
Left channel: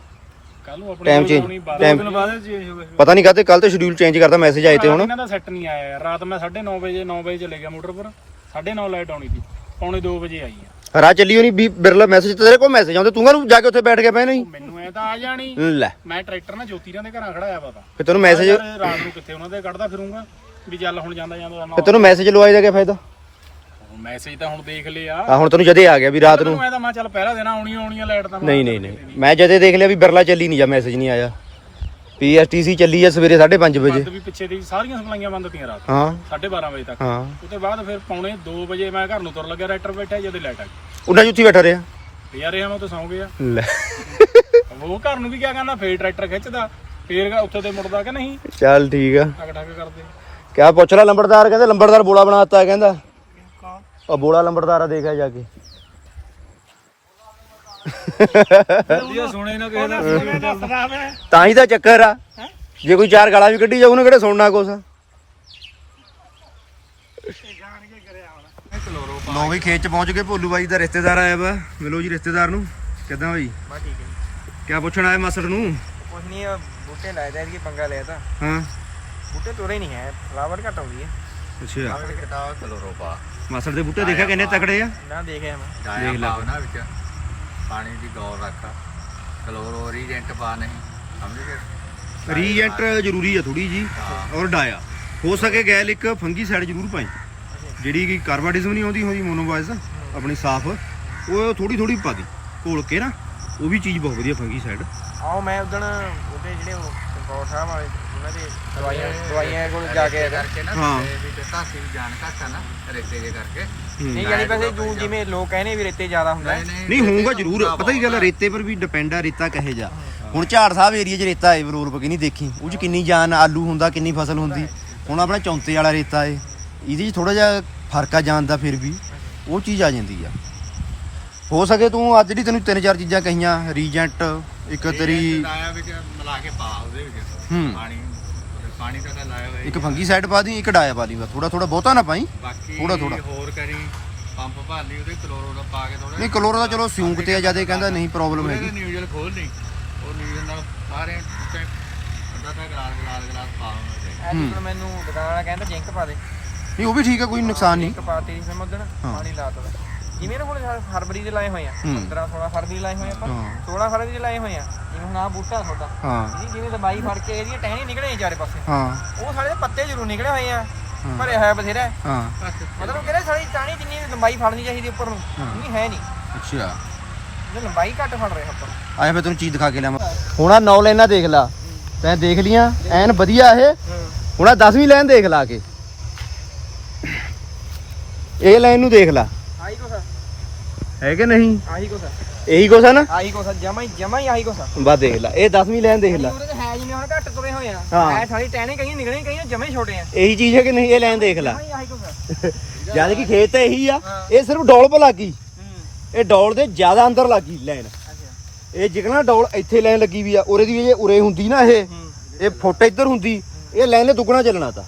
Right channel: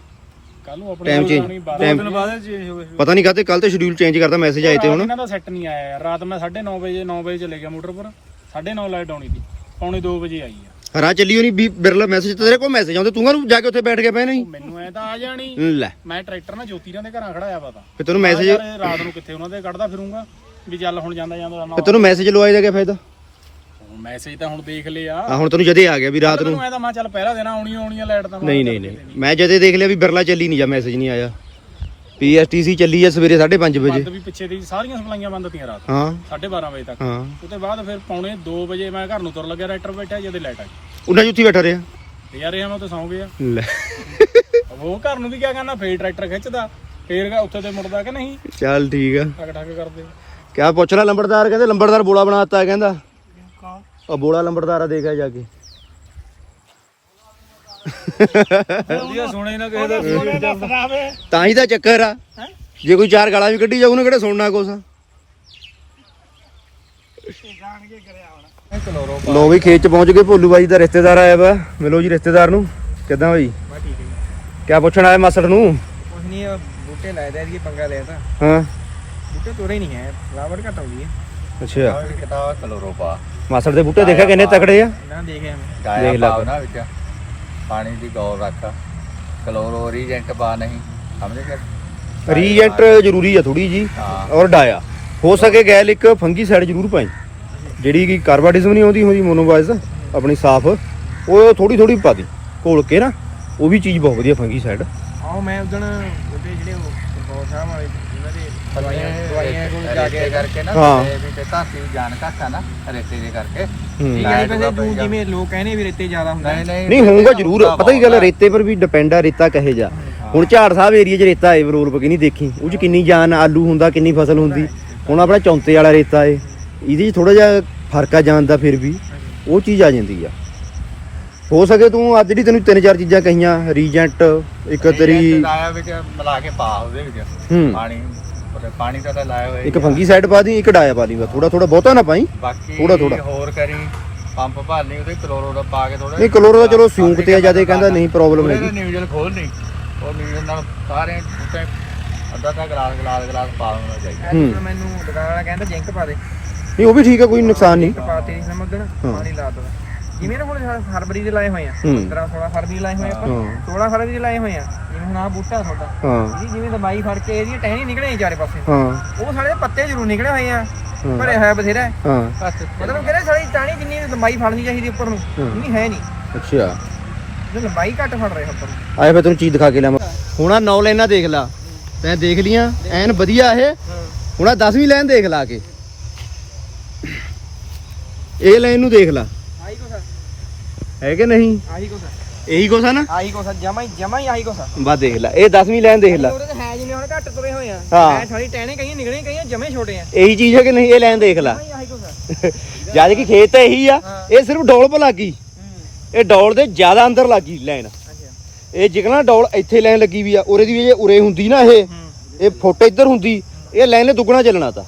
A: ਟਾਈਮ ਚੇਂਜ ਟਾਈਮ
C: ਬਾਅਦ ਚੇਂਜ ਹੋ ਗਏ
A: ਪਤਾ ਨਹੀਂ ਕਾਤੇ ਕੱਲ ਤੇ ਸ਼ਡਿਊਲ ਚੇਂਜ ਕਰਦਾ ਮੈਸੇਜ ਆਏ ਤੇ ਹੁਣ।
C: ਇਹਨਾਂ ਦਾ ਸੈੱਟ ਨਹੀਂ ਆਇਆ ਯਾਰ। ਰਾਤ ਮੈਂ 9:30 ਵਜੇ 9 ਵਜੇ ਚਲੇ ਗਿਆ ਮੋਟਰਪੁਰ। 9:30 ਲਾਈਟ ਆਉਣੀ ਸੀ। ਪੌਣੇ 2 ਵਜੇ ਆਈ ਆ।
A: ਰਾਹ ਚੱਲੀ ਹੋਣੀ ਵੀ ਬਿਰਲਾ ਮੈਸੇਜ ਤੇਰੇ ਕੋਲ ਮੈਸੇਜ ਆਉਂਦੇ ਤੂੰ ਨੂੰ ਜਾ ਕੇ ਉੱਥੇ ਬੈਠ ਕੇ ਪਏ ਨਹੀਂ?
C: ਮੈਨੂੰ ਐ ਤਾਂ ਆ ਜਾਣੀ।
A: ਲੈ।
C: ਮੈਂ ਟਰੈਕਟਰ ਨਾਲ ਜੋਤੀਰਾਂ ਦੇ ਘਰਾਂ ਖੜਾਇਆ ਪਤਾ
A: ਫਿਰ ਤੈਨੂੰ ਮੈਸੇਜ
C: ਰਾਤ ਨੂੰ ਕਿੱਥੇ ਉਹਨਾਂ ਦੇ ਕੱਢਦਾ ਫਿਰੂੰਗਾ? ਵੀ ਚੱਲ ਹੁਣ ਜਾਂਦਾ ਜਾਂਦਾ
A: ਫਿਰ ਤੈਨੂੰ ਮੈਸੇਜ ਲਵਾਈ ਦਾ ਕੀ ਫਾਇਦਾ
C: ਮੈਸੇਜ ਤਾਂ ਹੁਣ ਦੇਖ ਲਿਆ।
A: ਆ ਹੁਣ ਤੈਨੂੰ ਜਦੇ ਆ ਗਿਆ ਵੀ ਰਾਤ ਨੂੰ।
C: ਮੈਂ ਤਾਂ ਮੈਂ ਚੱਲ ਪਹਿਲਾ ਦੇਣਾ ਆਉਣੀ ਆਉਣੀ ਆ ਲਾਈਟ ਤਾਂ
A: ਨਹੀਂ ਨਹੀਂ ਨਹੀਂ। ਮੈਂ ਜਦੇ ਦੇਖ ਲਿਆ ਵੀ ਬਿਰਲਾ ਚੱਲੀ ਨਹੀਂ ਜਾਂ ਮੈਸੇਜ ਨਹੀਂ ਆਇਆ। ਪੀਐਸਟੀਸੀ ਚੱਲੀ ਆ ਸਵੇਰੇ 5:30 ਵਜੇ।
C: ਬੰਦ ਵੀ ਪਿੱਛੇ ਦੀ ਸਾਰੀਆਂ ਸਪਲਾਈਆਂ ਬੰਦ ਤੀਆਂ ਰਾਤ
A: ਹਾਂ।
C: 12:30 ਵਜੇ ਤੱਕ।
A: ਹਾਂ।
C: ਉਹਦੇ ਬਾਅਦ ਫਿਰ ਪੌਣੇ 2 ਵਜੇ ਮੈਂ ਘਰ ਨੂੰ ਤੁਰ ਲੱਗਿਆ ਰਾਈਟਰ ਬੈਠਾ ਜਦੇ ਲਾਈਟ ਆ ਗਈ
A: ਉਹਨਾਂ ਜੁੱਤੀ ਬੈਠਾ ਰਿਹਾ।
C: ਯਾਰ ਇਹ ਤੇ ਸੌਂ ਗਿਆ।
A: ਲੈ।
C: ਉਹ ਘਰ ਨੂੰ ਵੀ ਕਿਆ ਕਰਨਾ ਫੇਰ ਟਰੈਕਟਰ ਖਿੱਚਦਾ ਫੇਰ ਉੱਥੇ ਤੇ ਮੁੜਦਾ ਕਿ ਨਹੀਂ?
A: ਚੱਲ ਠੀਕ ਆ।
C: ਟਕ ਟਕ ਕਰਦੇ।
A: ਕਿਆ ਪੁੱਛ ਰਿਹਾ ਲੰਬੜਦਾਰ? ਕਹਿੰਦੇ ਲੰਬੜਦਾਰ ਬੋਲਾ ਬਣਾਤਾ ਕਹਿੰਦਾ। ਆ ਬੋਲਾ ਲੰਬੜਦਾਰ ਆ ਦੇਖਿਆ ਜਾ ਕੇ।
C: ਇਹ ਸੁਣੇ ਨਾ ਕਿਸੇ ਦਾ
A: ਤਾਂ ਹੀ ਤਾਂ ਚੱਕਰ ਆ। ਜੇ ਕੋਈ ਚਾਰ ਗਾਲਾਂ ਵੀ ਕੱਢੀ ਜਾਊ ਉਹਨੇ ਕਿਹੜਾ ਸੁਣਨਾ ਕੁਛ? ਲੋ ਵੀ ਖੇਤ ਚ ਪਹੁੰਚ ਗਏ ਭੋਲੂ ਬਾਈ ਦਾ ਰਿਸ਼ਤੇਦਾਰ ਆਇਆ ਵਾ। ਮਿਲੋ ਜੀ ਰਿਸ਼ਤੇਦਾਰ ਨੂੰ। ਕਿੱਦਾਂ ਬਾਈ? ਕਿਆ ਪੁੱਛਣ ਆਇਆ ਮਾਸੜ ਨੂੰ?
B: ਕੁਛ ਨਹੀਂ ਬੂਟੇ ਲਾਏ ਦੇ ਇਹ ਪੰਗਾ ਲਿਆ ਤਾਂ।
A: ਹਾਂ।
B: ਬੂਟੇ ਤੋੜੇ ਨਹੀਂ ਹੈ ਫਲਾਵਰ ਘਟ ਹੋ ਗਈ।
A: ਅੱਛਾ।
B: ਕਟਾਵਾ ਕਲੋਰੋਪਾ
A: ਮਾਸੜ ਦੇ ਬੂਟੇ ਦੇਖਿਆ ਕਿੰਨੇ ਤਕੜੇ ਆ?
B: ਨਾ ਦੇਖਿਆ ਮੈਂ।
A: ਦੇਖ ਲੈ
B: ਪਾਉ ਨਾ ਵਿੱਚ। ਪਾਣੀ ਦੀ ਗੌਰ ਰੱਖ। ਕਲੋਰੋ ਰੀਜੈਂਟ ਪਾ ਨਹੀਂ। ਸਮਝ ਗਿਆ
A: ਰੀਜੈਂਟ ਜ਼ਰੂਰੀ ਆ ਥੋੜੀ ਜੀ
B: ਹਾਂ।
A: ਔਰ ਡਾਇਆ। ਹੋ ਸਕੇ ਗੈਲ ਇੱਕ ਫੰਗੀ ਸਾਈਡ ਜ਼ਰੂਰ ਪਾਈ। ਜਿਹੜੀ ਕਿ ਕਾਰਬਾਡਿਜ਼ਮ ਨਹੀਂ ਆਉਂਦੀ ਹੁੰਦੀ ਮੋਨੋਵਾਈਜ਼ ਆਪਣੀ ਸਾਫ਼। ਉਹ ਥੋੜੀ ਥੋੜੀ ਪਾ ਦੀ। ਘੋਲ ਕੇ ਨਾ ਉਹ ਵੀ ਚੀਜ਼ ਬਹੁਤ ਵਧੀਆ ਫੰਗੀ ਸਾਈਡ
B: ਆਓ ਮੈਂ ਉਹਦੇ ਜਿਹੜੇ ਕੰਪੋਰ ਸਾਹਿਬ ਵਾਲੇ ਕਰਕੇ ਨਾ
A: ਹਾਂ।
B: ਤੇ ਕਾਸੀ ਜਾਣ ਕਾਸਾ ਨਾ ਰੇਤੇ ਜੇ ਕਰਕੇ।
A: ਹੂੰ।
B: ਲਾਇਆ ਦੂਗਾ ਪੈ ਜਿਵੇਂ ਲੋਕ ਕਹਿੰਦੇ ਵੀ ਰੇਤੇ ਜ਼ਿਆਦਾ ਹੁੰਦਾ ਨਹੀਂ ਨਹੀਂ
A: ਨਹੀਂ ਹੋਊਗਾ ਜ਼ਰੂਰ। ਪਤਾ ਕੀ ਗੱਲ ਹੈ, ਰੇਤੇ ਪਰ ਵੀ ਡਿਪੈਂਡ ਆ ਰੇਤਾ ਕਹੇ ਜਾ ਹੁਣ ਝਾੜ ਸਾਹਿਬ ਏਰੀਆ 'ਚ ਰੇਤਾ ਏ ਬਰੋਲ ਪਕੀ ਨਹੀਂ ਦੇਖੀ? ਉਹ 'ਚ ਕਿੰਨੀ ਜਾਨ ਆਲੂ ਹੁੰਦਾ ਕਿੰਨੀ ਫਸਲ ਹੁੰਦੀ। ਹੁਣ ਆਪਣਾ ਚੌਂਤੇ ਵਾਲਾ ਰੇਤਾ ਏ ਇਹਦੇ 'ਚ ਥੋੜਾ ਜਿਹਾ ਫ਼ਰਕ ਆ ਦਾ ਫਿਰ ਵੀ। ਉਹ ਚੀਜ਼ ਆ ਜਾਂਦੀ ਆ। ਹੋ ਸਕੇ ਤੂੰ ਅੱਜ ਜਿਹੜੀ ਤੈਨੂੰ ਤਿੰਨ ਚਾਰ ਚੀਜ਼ਾਂ ਕਹੀਆਂ ਰੀਜੈਂਟ ਇੱਕ ਤੇਰੀ
B: ਵਿੱਚ ਮਿਲਾ ਕੇ ਪਾ ਉਹਦੇ ਵਿੱਚ।
A: ਹੂੰ।
B: ਪਾਣੀ ਪਾਣੀ ਲਾਇਆ ਹੋਇਆ
A: ਇੱਕ। ਫੰਗੀ ਸਾਈਡ ਪਾ ਦੀ ਇੱਕ ਡਾਇਆ ਪਾ ਦੀ ਬਸ ਥੋੜਾ ਥੋੜਾ ਬਹੁਤਾ ਨਾ ਪਾਈ।
B: ਬਾਕੀ
A: ਥੋੜ੍ਹਾ- ਥੋੜ੍ਹਾ।
B: ਹੋਰ ਕਰੀ ਪੰਪ ਭਰ ਲਈ ਉਹਦੇ ਕਲੋਰੋ ਦਾ ਪਾ ਕੇ ਥੋੜਾ
A: ਨਹੀਂ ਕਲੋਰ ਦਾ ਚਲੋ ਸਿਉਂਕ ਤੇ ਆ ਜ਼ਿਆਦਾ ਕਹਿੰਦਾ ਨਹੀਂ ਪ੍ਰੋਬਲਮ ਹੈਗੀ।
B: ਨਿਊਜ਼ਲ ਖੋਲ ਨਹੀਂ ਉਹ ਨਿਊਜ਼ਲ ਨਾਲ ਸਾਰੇ ਬੂਟੇ ਅੱਧਾ ਤਾਂ ਗਲਾਸ ਗਲਾਸ ਗਲਾਸ ਪਾ ਦੇਣਾ ਚਾਹੀਦਾ।
A: ਹੂੰ।
B: ਮੈਨੂੰ ਦੁਕਾਨ ਵਾਲਾ ਕਹਿੰਦਾ ਜਿੰਕ ਪਾ ਦੇ।
A: ਨਹੀਂ ਉਹ ਵੀ ਠੀਕ ਆ ਕੋਈ ਨੁਕਸਾਨ ਨਹੀਂ।
B: ਪਾਤੀ ਸਮਝਣ ਪਾਣੀ ਲਾ ਦੋ। ਜਿਵੇਂ ਨਾ ਹੁਣ ਫਰਵਰੀ ਦੇ ਲਾਏ ਹੋਏ ਆ
A: ਹੂੰ।
B: 15 16 ਫਰਵਰੀ ਲਾਏ ਹੋਏ ਆਪਾਂ।
A: ਹਾਂ।
B: 16 ਫਰਵਰੀ ਦੇ ਲਾਏ ਹੋਏ ਆ ਜਿਵੇਂ ਹੁਣ ਆ ਬੂਟਾ ਤੁਹਾਡਾ।
A: ਹਾਂ।
B: ਜੀ ਜਿਵੇਂ ਦਵਾਈ ਫੜ ਕੇ ਇਹਦੀਆਂ ਟਹਿਣੀ ਨਿਕਲੇ ਚਾਰੇ ਪਾਸੇ।
A: ਹਾਂ।
B: ਉਹ ਸਾਰੇ ਪੱਤੇ ਜ਼ਰੂਰ ਨਿਕਲੇ ਹੋਏ ਆ।
A: ਹਾਂ।
E: ਭਰਿਆ ਹੋਇਆ ਬਥੇਰਾ। ਹੈ। ਮਤਲਬ ਕਹਿੰਦੇ ਸਾਡੀ ਟਾਣੀ ਜਿੰਨੀ ਲੰਬਾਈ ਫੜਨੀ ਚਾਹੀਦੀ ਉੱਪਰ ਨੂੰ
A: ਹਾਂ।
E: ਉਨੀ ਹੈ ਨਹੀਂ।
A: ਅੱਛਾ।
E: ਇਹ ਲੰਬਾਈ ਘੱਟ ਫੜ ਰਿਹਾ ਉੱਪਰ ਨੂੰ
A: ਆਏ ਫਿਰ ਤੈਨੂੰ ਚੀਜ਼ ਦਿਖਾ ਕੇ ਲਿਆਵਾਂ। ਹੁਣ ਆ 9 ਲਾਈਨਾਂ ਦੇਖ ਲਾ। ਤੈਂ ਦੇਖ ਲੀਆਂ ਐਨ ਵਧੀਆ ਇਹ। ਹੁਣ ਆ 10ਵੀਂ ਲਾਈਨ ਦੇਖ ਲਾ ਕੇ। ਇਹ ਲਾਈਨ ਨੂੰ ਦੇਖ ਲਾ।
E: ਆ,
A: ਹੈ ਕਿ ਨਹੀਂ?
E: ਆਹੀ ਕੁਛ
A: ਇਹੀ ਕੁਛ ਆ ਨਾ?
E: ਆਹੀ ਕੁਛ ਜਮਾ ਹੀ ਜਮਾ ਹੀ ਆਹੀ ਕੁਛ।
A: ਬਾ ਦੇਖ ਲਾ ਇਹ 10ਵੀਂ ਲਾਈਨ ਦੇਖ ਲਾ।
E: ਉਹਦੇ ਤੇ ਹੈ ਜਿਵੇਂ ਹੁਣ ਘੱਟ ਤੁਰੇ ਹੋਏ ਆ।
A: ਹਾਂ।
E: ਹੈ ਸਾਡੀ ਟਹਿਣੇ ਕਈਆਂ ਨਿਕਲੇ ਕਈਆਂ ਜਮੇ ਛੋਟੇ ਆ।
A: ਇਹੀ ਚੀਜ਼ ਹੈ ਕਿ ਨਹੀਂ ਇਹ ਲਾਈਨ ਦੇਖ ਲਾ।
E: ਜਮਾ ਹੀ ਆਹੀ ਕੁਛ ਆ।
A: ਜਦ ਕਿ ਖੇਤ ਤਾਂ ਇਹੀ ਆ
E: ਹਾਂ।
A: ਇਹ ਸਿਰਫ ਡੌਲ ਪਾ ਲੱਗੀ।
E: ਹੂੰ।
A: ਇਹ ਡੌਲ ਦੇ ਜ਼ਿਆਦਾ ਅੰਦਰ ਲੱਗੀ ਲਾਈਨ
E: ਅੱਛਾ।
A: ਇਹ ਜਿਗਣਾ ਡੌਲ ਇੱਥੇ ਲਾਈਨ ਲੱਗੀ ਵੀ ਆ ਉਰੇ ਦੀ ਵੀ ਜੇ ਉਰੇ ਹੁੰਦੀ ਨਾ ਇਹ
E: ਹੂੰ।
A: ਇਹ ਫੁੱਟ ਇੱਧਰ ਹੁੰਦੀ ਇਹ ਲਾਈਨ ਨੇ ਦੁੱਗਣਾ ਚੱਲਣਾ ਤਾਂ।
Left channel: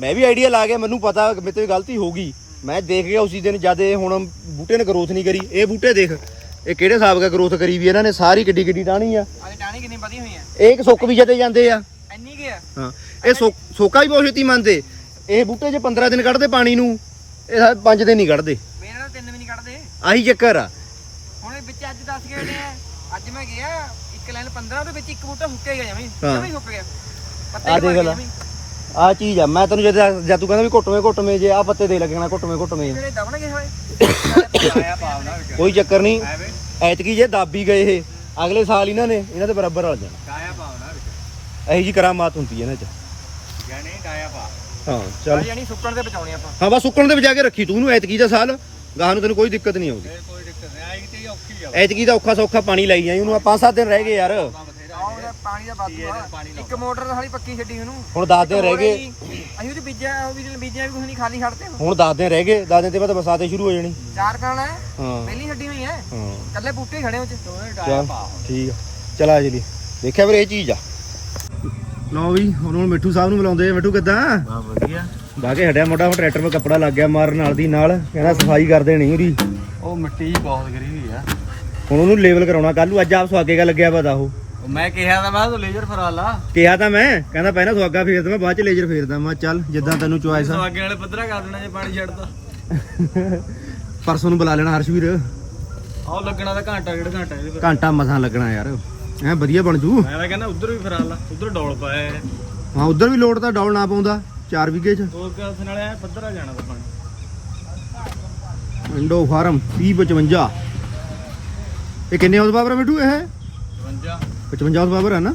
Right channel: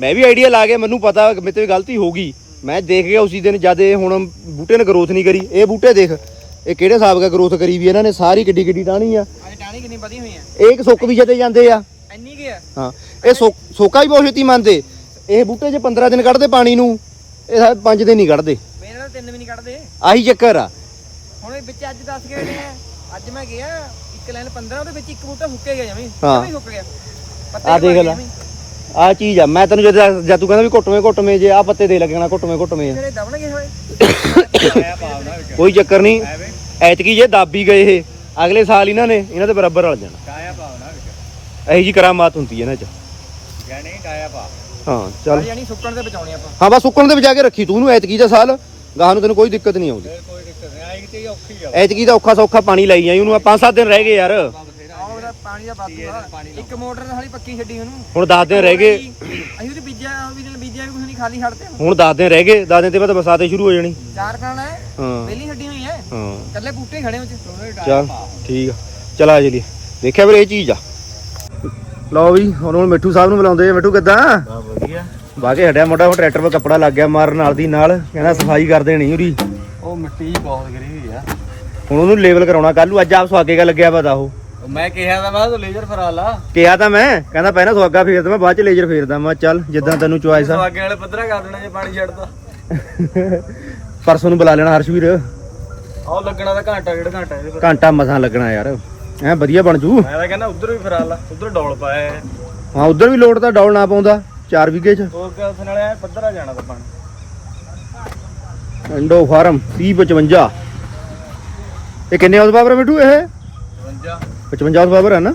A: ਮੈਂ ਵੀ ਆਈਡੀਆ ਲਾ ਗਿਆ ਮੈਨੂੰ ਪਤਾ ਮੇਰੇ ਤੇ ਗਲਤੀ ਹੋ ਗਈ। ਮੈਂ ਦੇਖ ਗਿਆ ਉਸੇ ਦਿਨ ਜਦ ਇਹ ਹੁਣ ਬੂਟੇ ਨੇ ਗਰੋਥ ਨਹੀਂ ਕਰੀ ਇਹ ਬੂਟੇ ਦੇਖ ਇਹ ਕਿਹੜੇ ਹਿਸਾਬ ਦਾ ਗਰੋਥ ਕਰੀ ਵੀ ਇਹਨਾਂ ਨੇ ਸਾਰੀ ਕਿੱਡੀ ਕਿੱਡੀ ਟਾਣੀ ਆ।
E: ਅੱਜ ਟਾਣੀ ਕਿੰਨੀ ਵਧੀ ਹੋਈ ਆ?
A: ਇਹ ਇੱਕ ਸੁੱਕ ਵੀ ਜਦੇ ਜਾਂਦੇ ਆ।
E: ਇੰਨੀ ਕੀ ਆ?
A: ਹਾਂ ਇਹ ਸੁੱਕ- ਵੀ ਬਹੁਤ ਛੇਤੀ ਮੰਨਦੇ। ਇਹ ਬੂਟੇ ਜੇ 15 ਦਿਨ ਕੱਢਦੇ ਪਾਣੀ ਨੂੰ ਇਹ 5 ਦਿਨ ਨਹੀਂ ਕੱਢਦੇ।
E: ਮੇਰੇ ਨਾਲ ਤਿੰਨ ਵੀ ਨਹੀਂ ਕੱਢਦੇ।
A: ਆਹੀ ਚੱਕਰ ਆ।
E: ਹੁਣ ਇਹ ਵਿੱਚ ਅੱਜ 10 ਗਏ ਨੇ ਅੱਜ ਮੈਂ ਗਿਆ ਇੱਕ ਲਾਈਨ 15 ਉਹਦੇ ਵਿੱਚ ਇੱਕ ਬੂਟਾ ਸੁੱਕੇ ਗਿਆ ਜਮੀ। ਸੁੱਕ ਗਿਆ। ਹੀ
A: ਦੇਖ ਲਾ। ਆ ਚੀਜ਼ ਆ ਮੈਂ ਤੈਨੂੰ ਜਦ ਜਦ ਤੂੰ ਕਹਿੰਦਾ ਵੀ ਘੁੱਟਵੇਂ ਘੁੱਟਵੇਂ ਜੇ ਆ ਪੱਤੇ ਦੇ ਲੱਗਣਾ ਘੁੱਟਵੇਂ ਘੁੱਟਵੇਂ
E: ਜਿਹੜੇ ਦਬਣਗੇ ਹੋਏ
F: ਆਇਆ ਪਾਵਨਾ ਵਿੱਚ
A: ਕੋਈ ਚੱਕਰ ਨਹੀਂ ਐਤਕੀ ਜੇ ਦਾਬੀ ਗਏ ਇਹ ਅਗਲੇ ਸਾਲ ਇਹਨਾਂ ਨੇ ਇਹਨਾਂ ਦੇ ਬਰਾਬਰ ਰਲ ਜਾਣਾ।
F: ਕਾਇਆ ਪਾਵਨਾ ਵਿੱਚ।
A: ਇਹੀ ਜੀ ਕਰਾਮਾਤ ਹੁੰਦੀ ਹੈ ਇਹਨਾਂ 'ਚ।
F: ਜਾਣੀ ਕਾਇਆ ਪਾ
A: ਹਾਂ ਚੱਲ।
E: ਯਾਨੀ ਸੁੱਕਣ ਤੇ ਬਚਾਉਣੇ ਆਪਾਂ।
A: ਹਾਂ ਬਸ ਸੁੱਕਣ ਦੇ ਵਜਾ ਕੇ ਰੱਖੀ ਤੂੰ ਇਹਨੂੰ ਐਤਕੀ ਦਾ ਸਾਲ ਗਾਹ ਨੂੰ ਤੈਨੂੰ ਕੋਈ ਦਿੱਕਤ ਨਹੀਂ ਆਉਂਦੀ।
F: ਕੋਈ ਦਿੱਕਤ ਨਹੀਂ ਆਈ ਤੇ ਔਖੀ ਆ।
A: ਐਤਕੀ ਦਾ ਔਖਾ ਸੌਖਾ ਪਾਣੀ ਲਾਈ ਜਾਈ ਉਹਨੂੰ 5-7 ਦਿਨ ਰਹਿ ਗਏ ਯਾਰ।
E: ਪਾਣੀ ਦਾ ਬਾਤੂ ਆ ਇੱਕ ਮੋਟਰ ਨਾਲ ਹਾਲੀ ਪੱਕੀ ਛੱਡੀ ਉਹਨੂੰ।
A: ਹੁਣ 10 ਦਿਨ ਰਹਿ ਗਏ।
E: ਅਸੀਂ ਉਹਦੀ ਬੀਜਿਆ ਵੀ ਬੀਜਿਆ ਵੀ ਕੁਝ ਨਹੀਂ ਖਾਲੀ ਛੱਡਦੇ ਹੁਣ।
A: ਹੁਣ 10 ਦਿਨ ਰਹਿ ਗਏ 10 ਦਿਨ ਤੇ ਬਾਅਦ ਬਰਸਾਤੇ ਸ਼ੁਰੂ ਹੋ ਜਾਣੀ।
E: ਚਾਰ ਖਾਣਾ ਹੈ
A: ਹਾਂ।
E: ਪਹਿਲੀ ਛੱਡੀ ਹੋਈ ਹੈ।
A: ਹਾਂ।
E: ਕੱਲੇ ਬੂਟੇ ਹੀ ਖੜੇ ਉਹ ਚ।
A: ਚੱਲ ਠੀਕ ਆ। ਚਲ ਆ ਜਲੀ ਦੇਖਿਆ ਵੀਰੇ ਇਹ ਚੀਜ਼ ਆ। ਲਓ ਵੀ ਹੁਣ ਹੁਣ ਮਿੱਠੂ ਸਾਹਿਬ ਨੂੰ ਬੁਲਾਉਂਦੇ ਆ। ਮਿੱਠੂ ਕਿੱਦਾਂ?
F: ਬਾ ਵਧੀਆ।
A: ਬਾਕੇ ਹਟਿਆ ਮੋਟਾ ਉਹ ਟਰੈਕਟਰ 'ਤੇ ਕੱਪੜਾ ਲੱਗ ਗਿਆ ਮਾਰਨ ਨਾਲ ਦੀ ਨਾਲ। ਇਹਨਾਂ ਸਫ਼ਾਈ ਕਰ ਦੇਣੀ ਉਹਦੀ।
F: ਉਹ ਮਿੱਟੀ ਬਹੁਤ ਗਰੀ ਹੋਈ ਆ।
A: ਹੁਣ ਉਹਨੂੰ ਲੇਬਲ ਕਰਾਉਣਾ। ਕੱਲ ਨੂੰ ਅੱਜ ਆਪ ਸੁਹਾਗੇਗਾ ਲੱਗਿਆ ਪਤਾ ਉਹ।
F: ਮੈਂ ਕਿਹਾ ਤਾਂ ਮੈਂ ਤੂੰ ਲੇਜ਼ਰ ਫਰਾ ਲਾ।
A: ਕਿਹਾ ਤਾਂ ਮੈਂ ਕਹਿੰਦਾ ਪਹਿਲਾਂ ਸੁਹਾਗਾ ਫੇਰਦਾ ਮੈਂ ਬਾਅਦ ਚ ਲੇਜ਼ਰ ਫੇਰਦਾ ਮੈਂ ਕਿਹਾ ਚੱਲ ਜਿੱਦਾਂ ਤੈਨੂੰ ਚੁਆਇਸ ਆ।
F: ਅੱਗੇ ਵਾਲੇ ਪੱਧਰਾ ਕਰ ਦੇਣਾ ਜੇ ਪਾਣੀ ਛੱਡਦਾ।
A: ਪਰਸੋਂ ਨੂੰ ਬੁਲਾ ਲੈਣਾ ਹਰਸ਼ਵੀਰ।
F: ਆਹ ਲੱਗਣਾ ਤਾਂ ਘੰਟਾ ਡੇਢ ਘੰਟਾ ਇਹਦੇ ਪਰ।
A: ਘੰਟਾ ਮਸਾਂ ਲੱਗਣਾ ਯਾਰ। ਐ ਵਧੀਆ ਬਣ ਜੂ।
F: ਮੈਂ ਤਾਂ ਕਹਿੰਦਾ ਉਧਰ ਵੀ ਫਰਾ ਲਾ ਉਧਰ ਡੋਲ ਪਾਇਆ ਹੈ।
A: ਹਾਂ ਉਧਰ ਵੀ ਲੋਡ ਤਾਂ ਡੌਲ ਨਾ ਪਾਉਂਦਾ 4 ਵਿਗੇ ਚ।
F: ਉਹ ਕਸ ਨਾਲੇ ਐਂ ਪੱਧਰਾ ਜਾਣਾ ਤਾਂ ਪਾਣੀ।
A: ਇੰਡੋ ਫਾਰਮ 3055 ਇਹ ਕਿੰਨੇ ਪਾਵਰ ਹੈ ਮਿੱਠੂ ਇਹ?
F: 52
A: 55 ਹਾਊਸ ਪਾਵਰ ਹੈ ਨਾ?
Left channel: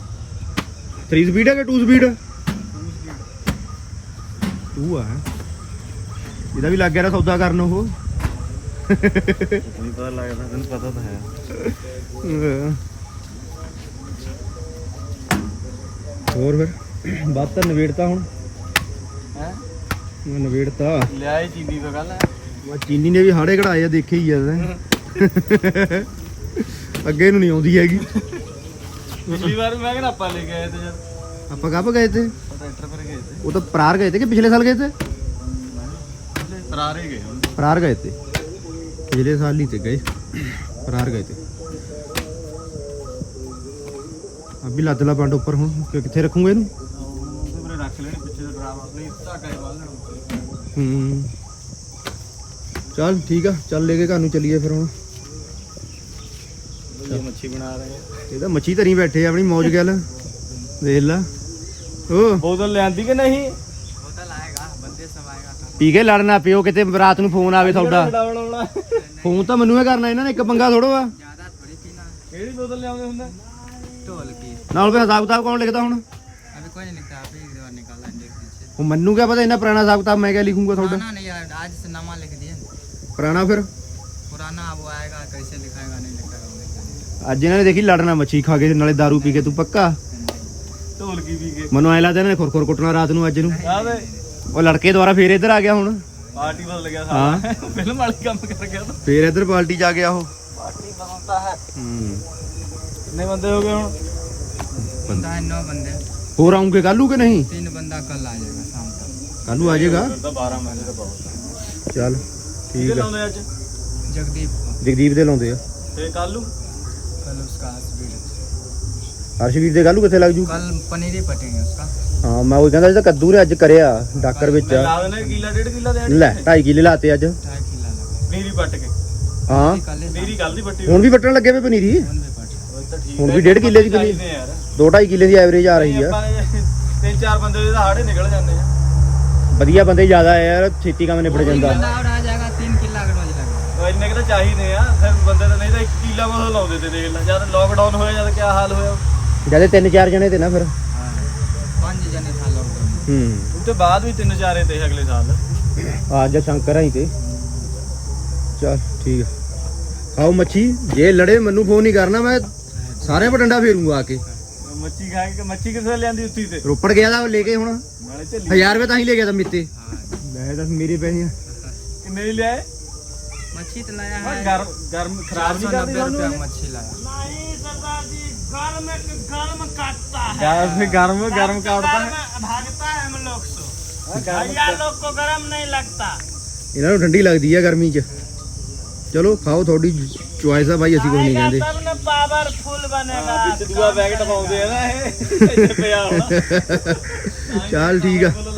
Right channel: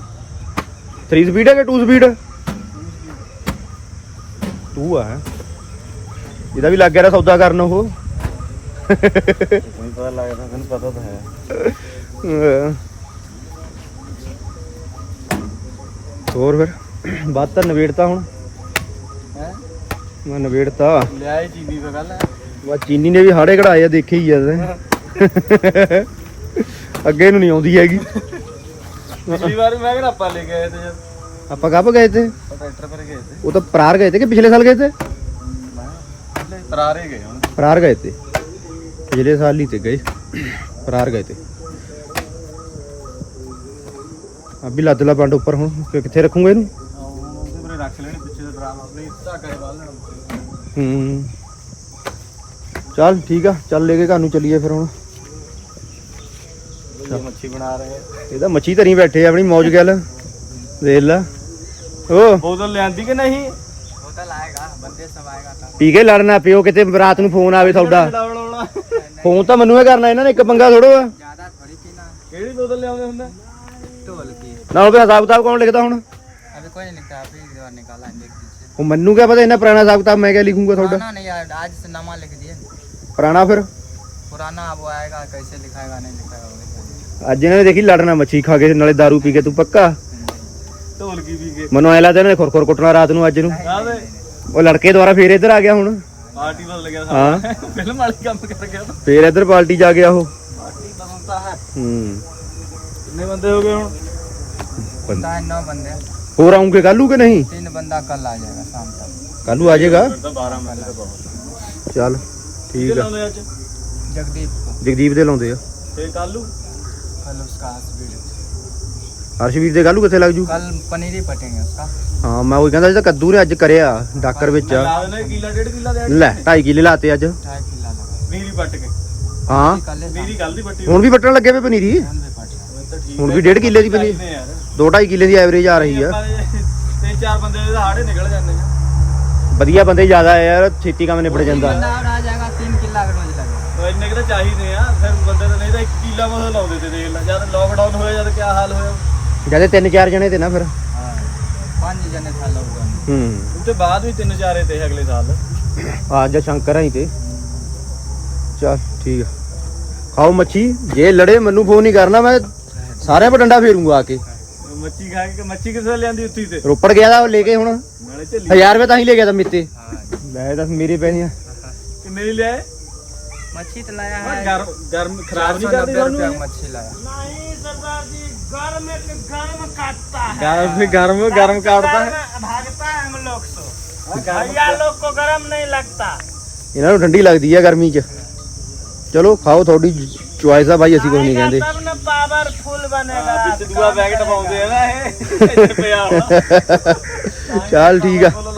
A: 3 ਸਪੀਡ ਹੈ ਕਿ 2 ਸਪੀਡ 2 ਆ। ਇਹਦਾ ਵੀ ਲੱਗ ਗਿਆ ਰਾ ਸੌਦਾ ਕਰਨ ਉਹ।
F: ਨਹੀਂ ਪਤਾ ਲੱਗਦਾ ਤੈਨੂੰ ਪਤਾ ਤਾਂ ਹੈ।
A: ਅਹ ਹੋਰ ਫਿਰ? ਬਾਤ ਤਾਂ ਨਵੇੜਤਾ ਹੁਣ।
F: ਹੈ?
A: ਮੈਂ ਨਵੇੜਤਾ
F: ਲਿਆ ਇਹ ਚੀਨੀ ਦਾ ਗੱਲ ਹੈ
A: ਵਾ ਚੀਨੀ ਨੇ ਵੀ ਹਾੜੇ ਕਢਾਏ ਆ ਦੇਖੇ ਹੀ ਆ ਅੱਗੇ ਨੂੰ ਨਹੀਂ ਆਉਂਦੀ ਹੈਗੀ।
F: ਪਿਛਲੀ ਵਾਰ ਵੀ ਮੈਂ ਕਿਹਾ ਆਪਾਂ ਲੈ ਕੇ ਆਏ ਤੇ ਜਦ
A: ਆਪਾਂ ਕਬ ਗਏ ਤੇ?
F: ਉਹ ਟਰੈਕਟਰ ਪਰ ਗਏ ਤੇ।
A: ਉਹ ਤਾਂ ਪਰਾਰ ਗਏ ਤੇ ਕਿ ਪਿਛਲੇ ਸਾਲ ਗਏ ਤੇ?
F: ਮੈਂ ਪਿਛਲੇ ਪਰਾਰੇ ਗਏ ਹੁਣ।
A: ਪਰਾਰ ਗਏ ਤੇ। ਪਿਛਲੇ ਸਾਲ ਹੀ ਤੇ ਗਏ। ਪਰਾਰ ਗਏ ਤੇ। ਅਭੀ ਲੱਦ ਲਾ ਪੰਡ ਉੱਪਰ ਹੁਣ। ਕਿ- ਕਿੱਥੇ ਰੱਖੂਗੇ ਇਹਨੂੰ?
F: ਆਹ ਉਹ ਉਹਦੇ ਪਰੇ ਰੱਖ ਲੈਣੀ ਪਿੱਛੇ ਦਾ ਡਰਾਮਾ ਨਹੀਂ ਧਾਗਾ ਹੀ ਬਾਲ ਲੈਣਾ।
A: ਹੂੰ। ਚੱਲ ਠੀਕ ਆ ਚੱਲ ਲੈ ਕੇ ਘਰ ਨੂੰ ਚੱਲੀਏ ਫਿਰ ਹੁਣ।
F: ਇਹ ਮੱਛੀ ਬਣਾ ਰਹੇ ਆ
A: ਇਹਦਾ ਮੱਛੀ ਧਰੀ ਬੈਠੇ ਆ ਆਪਣੀ ਮੌਜ ਗੱਲ ਦੇਖ ਲੈ ਓ
F: ਬੋਤਲ ਲਿਆਂਦੀ ਕਿ ਨਹੀਂ
E: ਹੋਟਲ ਆਏਗਾ ਬੰਦੇ ਸਭ ਆਏਗਾ ਤਾਂ
A: ਪੀ ਕੇ ਲੜਨਾ ਪਿਓ ਕਿਤੇ ਰਾਤ ਨੂੰ ਫੋਨ ਆਵੇ ਤੁਹਾਡਾ
F: ਬਣਾਉਣਾ
A: ਫੋਨ ਤਾਂ ਮੈਨੂੰ ਹੀ ਕਰਨਾ ਇਹਨਾਂ ਨੇ ਇੱਕ ਪੰਗਾ ਥੋੜੋ ਆ
E: ਜ਼ਿਆਦਾ ਥੋੜੀ ਪੀਣਾ
F: ਕਿਹੜੀ ਬੋਤਲ ਲਿਆਉਂਦੇ ਹੁੰਦਾ
E: ਢੋਲ की
A: ਨਾਲ ਫਿਰ ਹਿਸਾਬ ਕਿਤਾਬ ਕੌਣ ਲਿਖਦਾ ਹੁਣ
E: अभी कोई नहीं लिखता आप ही एक बार निकाला इंडेक्स पीछे
A: ਉਹ ਮੈਨੂੰ ਕਿਆ ਪਤਾ ਇਹਨਾਂ ਪੁਰਾਣਾ ਹਿਸਾਬ ਕਿਤਾਬ ਮੈਂ ਕਿਆ ਲਿਖੂੰਗਾ ਤੁਹਾਡਾ
E: पुराना नहीं यार आज से नामा लिख दिए
A: ਪੁਰਾਣਾ ਫਿਰ
E: पुराना अब वो आएगा कैसे लिखाएगा नहीं लिखाएगा वो लिखाएगा
A: ਅੱਜ ਇਹਨਾਂ ਨੇ ਦੇਖੀ ਲੜਨਾ ਮੱਛੀ ਖਾ ਕੇ ਨਾਲੇ दारू ਪੀ ਕੇ ਤੂੰ ਪੱਕਾ?
F: ਢੋਲਕੀ ਪੀ ਕੇ?
A: ਮੈਨੂੰ ਐ ਲੱਗਦਾ ਇਹਨਾਂ ਨੇ ਖੁਰਖੁਰ ਕੁੱਟਣਾ ਰਾਤ ਨੂੰ ਅੱਜ ਨੂੰ। ਉਹ ਲੜਕੇ ਦੁਆਰਾ ਫੇਰ ਇੱਧਰ ਆ ਗਿਆ ਹੁਣ।
F: ਪਾਰਟੀ ਵੱਲ ਲੱਗਿਆ
A: ਹਾਂ।
F: ਫਿਲਮ ਵਾਲੀ ਕੰਮ ਕਰ ਗਿਆ
A: ਫੇਰ ਇੱਧਰ ਪਾਰਟੀ ਜਾ ਗਿਆ ਉਹ।
F: ਪਾਰਟੀ ਬਣਾਉਂਦਾ ਹੈ।
A: ਹੂੰ।
F: ਕਿੰਨੇ ਬੰਦੇ ਹੋ ਗਏ ਹੁਣ?
E: ਪਤਾ ਨੌ ਬੰਦੇ।
A: ਹੋਰ ਆਉਂਗੇ ਕੱਲੂ ਕਿ ਨਹੀਂ?
E: ਤਿੰਨ ਬੰਦਾ ਕੱਲ ਆ ਜਾਏਗਾ ਸ਼ਾਮ ਤੱਕ।
A: ਕੱਲੂ ਆ ਜਾਏਗਾ?
F: 12
A: ਚੱਲ ਠੀਕ ਆ।
E: ਜਗਦੀਪ
A: ਜਗਦੀਪ ਦੇ ਲਾਉਂਦੇ ਆ।
F: ਤੇ ਕੱਲੂ
E: उसका हस्बैंड
A: ਹਰਸ਼ਵੀਰ ਦੇ ਕੱਲੂ ਕਿੱਥੇ ਲੱਗ ਜੂ
E: कल पनीर ही पटेंगे उसका
A: ਹਾਂ ਮੈਂ ਉਹ ਕਹਿੰਦਾ ਜੀ ਤਾਂ ਕੱਦੂ ਨੇ ਅੱਜ ਕਰਿਆ ਡਾਕਰ ਵਿੱਚ
F: ਲਾ ਦੇਣਾ ਕਿਲਾ ਡੇਢ ਕਿਲਾ ਦੇ
A: ਲੈ 2.5 ਕਿੱਲੇ ਲਾਤੇ ਅੱਜ
E: ढाई किला लगा
F: ਨੀਰੀ ਪੱਟ ਕੇ
A: ਹਾਂ
E: कल ही
F: ਨੀਰੀ ਕੱਲ ਦੀ ਪੱਟੀ
A: ਹੁਣ ਵੀ ਵੱਟਣ ਲੱਗੇ ਵੇ ਪਨੀਰੀ
E: हम भी पटे
F: ਉਹ ਤਾਂ ਠੀਕ
A: ਹੁਣ ਵੀ ਡੇਢ ਕਿੱਲੇ ਦੀ ਪਨੀਰੀ
F: ਨੇ ਯਾਰ
A: 2.5 ਕਿੱਲੇ ਦੀ ਐਵਰੇਜ ਆ ਰਹੀ ਆ
F: ਆਪਾਂ ਨੇ ਤਿੰਨ ਚਾਰ ਬੰਦੇ ਦੇ ਹਾੜੇ ਨਿਕਲ ਜਾਂਦੇ ਆ
A: ਵਧੀਆ ਬੰਦੇ ਜ਼ਿਆਦਾ ਆ ਯਾਰ ਛੇਤੀ ਕੰਮ ਨਿਬੜ ਜਾਂਦਾ
G: किला और आ जाएगा तीन किला अगर मुझे लगेगा
F: ਉਹ ਇੰਨੇ ਕੁ ਤਾਂ ਚਾਹੀਦੇ ਆ ਫਿਰ ਬੰਦੇ ਤਾਂ ਨਹੀਂ ਤਾਂ ਇੱਕ ਕਿੱਲਾ ਮਸਾ ਲਾਉਂਦੇ ਤੇ ਦੇਖ ਲੈ ਜਦ ਲੋਕਡਾਊਨ ਹੋਇਆ ਜਦ ਕੀ ਹਾਲ ਹੋਇਆ?
A: ਜਦੇ ਤਿੰਨ ਚਾਰ ਜਣੇ ਤੇ ਨਾ ਫਿਰ।
B: ਹਾਂ ਪੰਜ ਜਣੇ ਥਾ ਲੋਕਡਾਊਨ
A: ਹੂੰ।
F: ਉੱਤੇ ਬਾਅਦ ਵੀ ਤਿੰਨ ਚਾਰੇ ਤੇ ਅਗਲੇ ਸਾਲ।
A: ਅੱਜ ਸ਼ੰਕਰ ਆਈ ਤੇ। ਚੱਲ ਠੀਕ ਆ। ਖਾਓ ਮੱਛੀ ਜੇ ਲੜੇ ਮੈਨੂੰ ਫੋਨ ਨਹੀਂ ਕਰਨਾ ਮੈਂ ਸਾਰਿਆਂ ਪਰ ਡੰਡਾ ਫੇਰੂੰਗਾ ਆ ਕੇ।
F: ਮੱਛੀ ਖਾ ਕੇ ਮੱਛੀ ਕਿਸੇ ਨੇ ਲਿਆਂਦੀ ਉੱਤੀ ਤੇ?
A: ਰੋਪੜ ਗਿਆ ਦਾ ਲੈ ਕੇ ਹੁਣ।
F: ਨਾਲੇ ਝੱਲੀ।
A: 1000 ਰੁਪਏ ਤਾਂ ਹੀ ਲੈ ਗਿਆ ਤਾਂ ਮਿੱਤੇ।
B: ਹਾਂ।
A: ਲੈ ਦੱਸ ਮੇਰੇ ਪੈਸੇ ਆ।
F: ਕਿੰਨੇ ਦੀ ਲਿਆਏ
B: ਮੱਛੀ ਤੇ ਲਾਇਆ
F: ਮੈਂ
B: ਹੈ
F: ਗਰਮ ਗਰਮ
B: चार
F: ਖਰਾਬ
B: सौ
F: ਨਹੀਂ
B: नब्बे
F: ਕਰਦੀ
B: रुपया मच्छी लाया
F: ਗਰਮ ਗਰਮ ਗਰਮ ਕਾਟਦਾ ਹੈ
H: भागता है हम लोग से भैया लोग को गर्म नहीं लगता
A: ਇਹਨਾਂ ਨੂੰ ਠੰਡੀ ਲੱਗਦੀ ਆ ਗਰਮੀ 'ਚ ਚਲੋ ਖਾਓ ਤੁਹਾਡੀ ਚੁਆਇਸ ਆ ਬਾਈ ਅਸੀਂ ਕੁਝ ਨਹੀਂ ਕਹਿੰਦੇ
H: तब न पावरफुल बनेगा
F: ਦੂਆ ਪੈਕਟ ਪਾਉਂਦੇ ਆ ਨਾ ਇਹ
A: ਚੱਲ ਠੀਕ ਆ
F: ਬੋਲੋ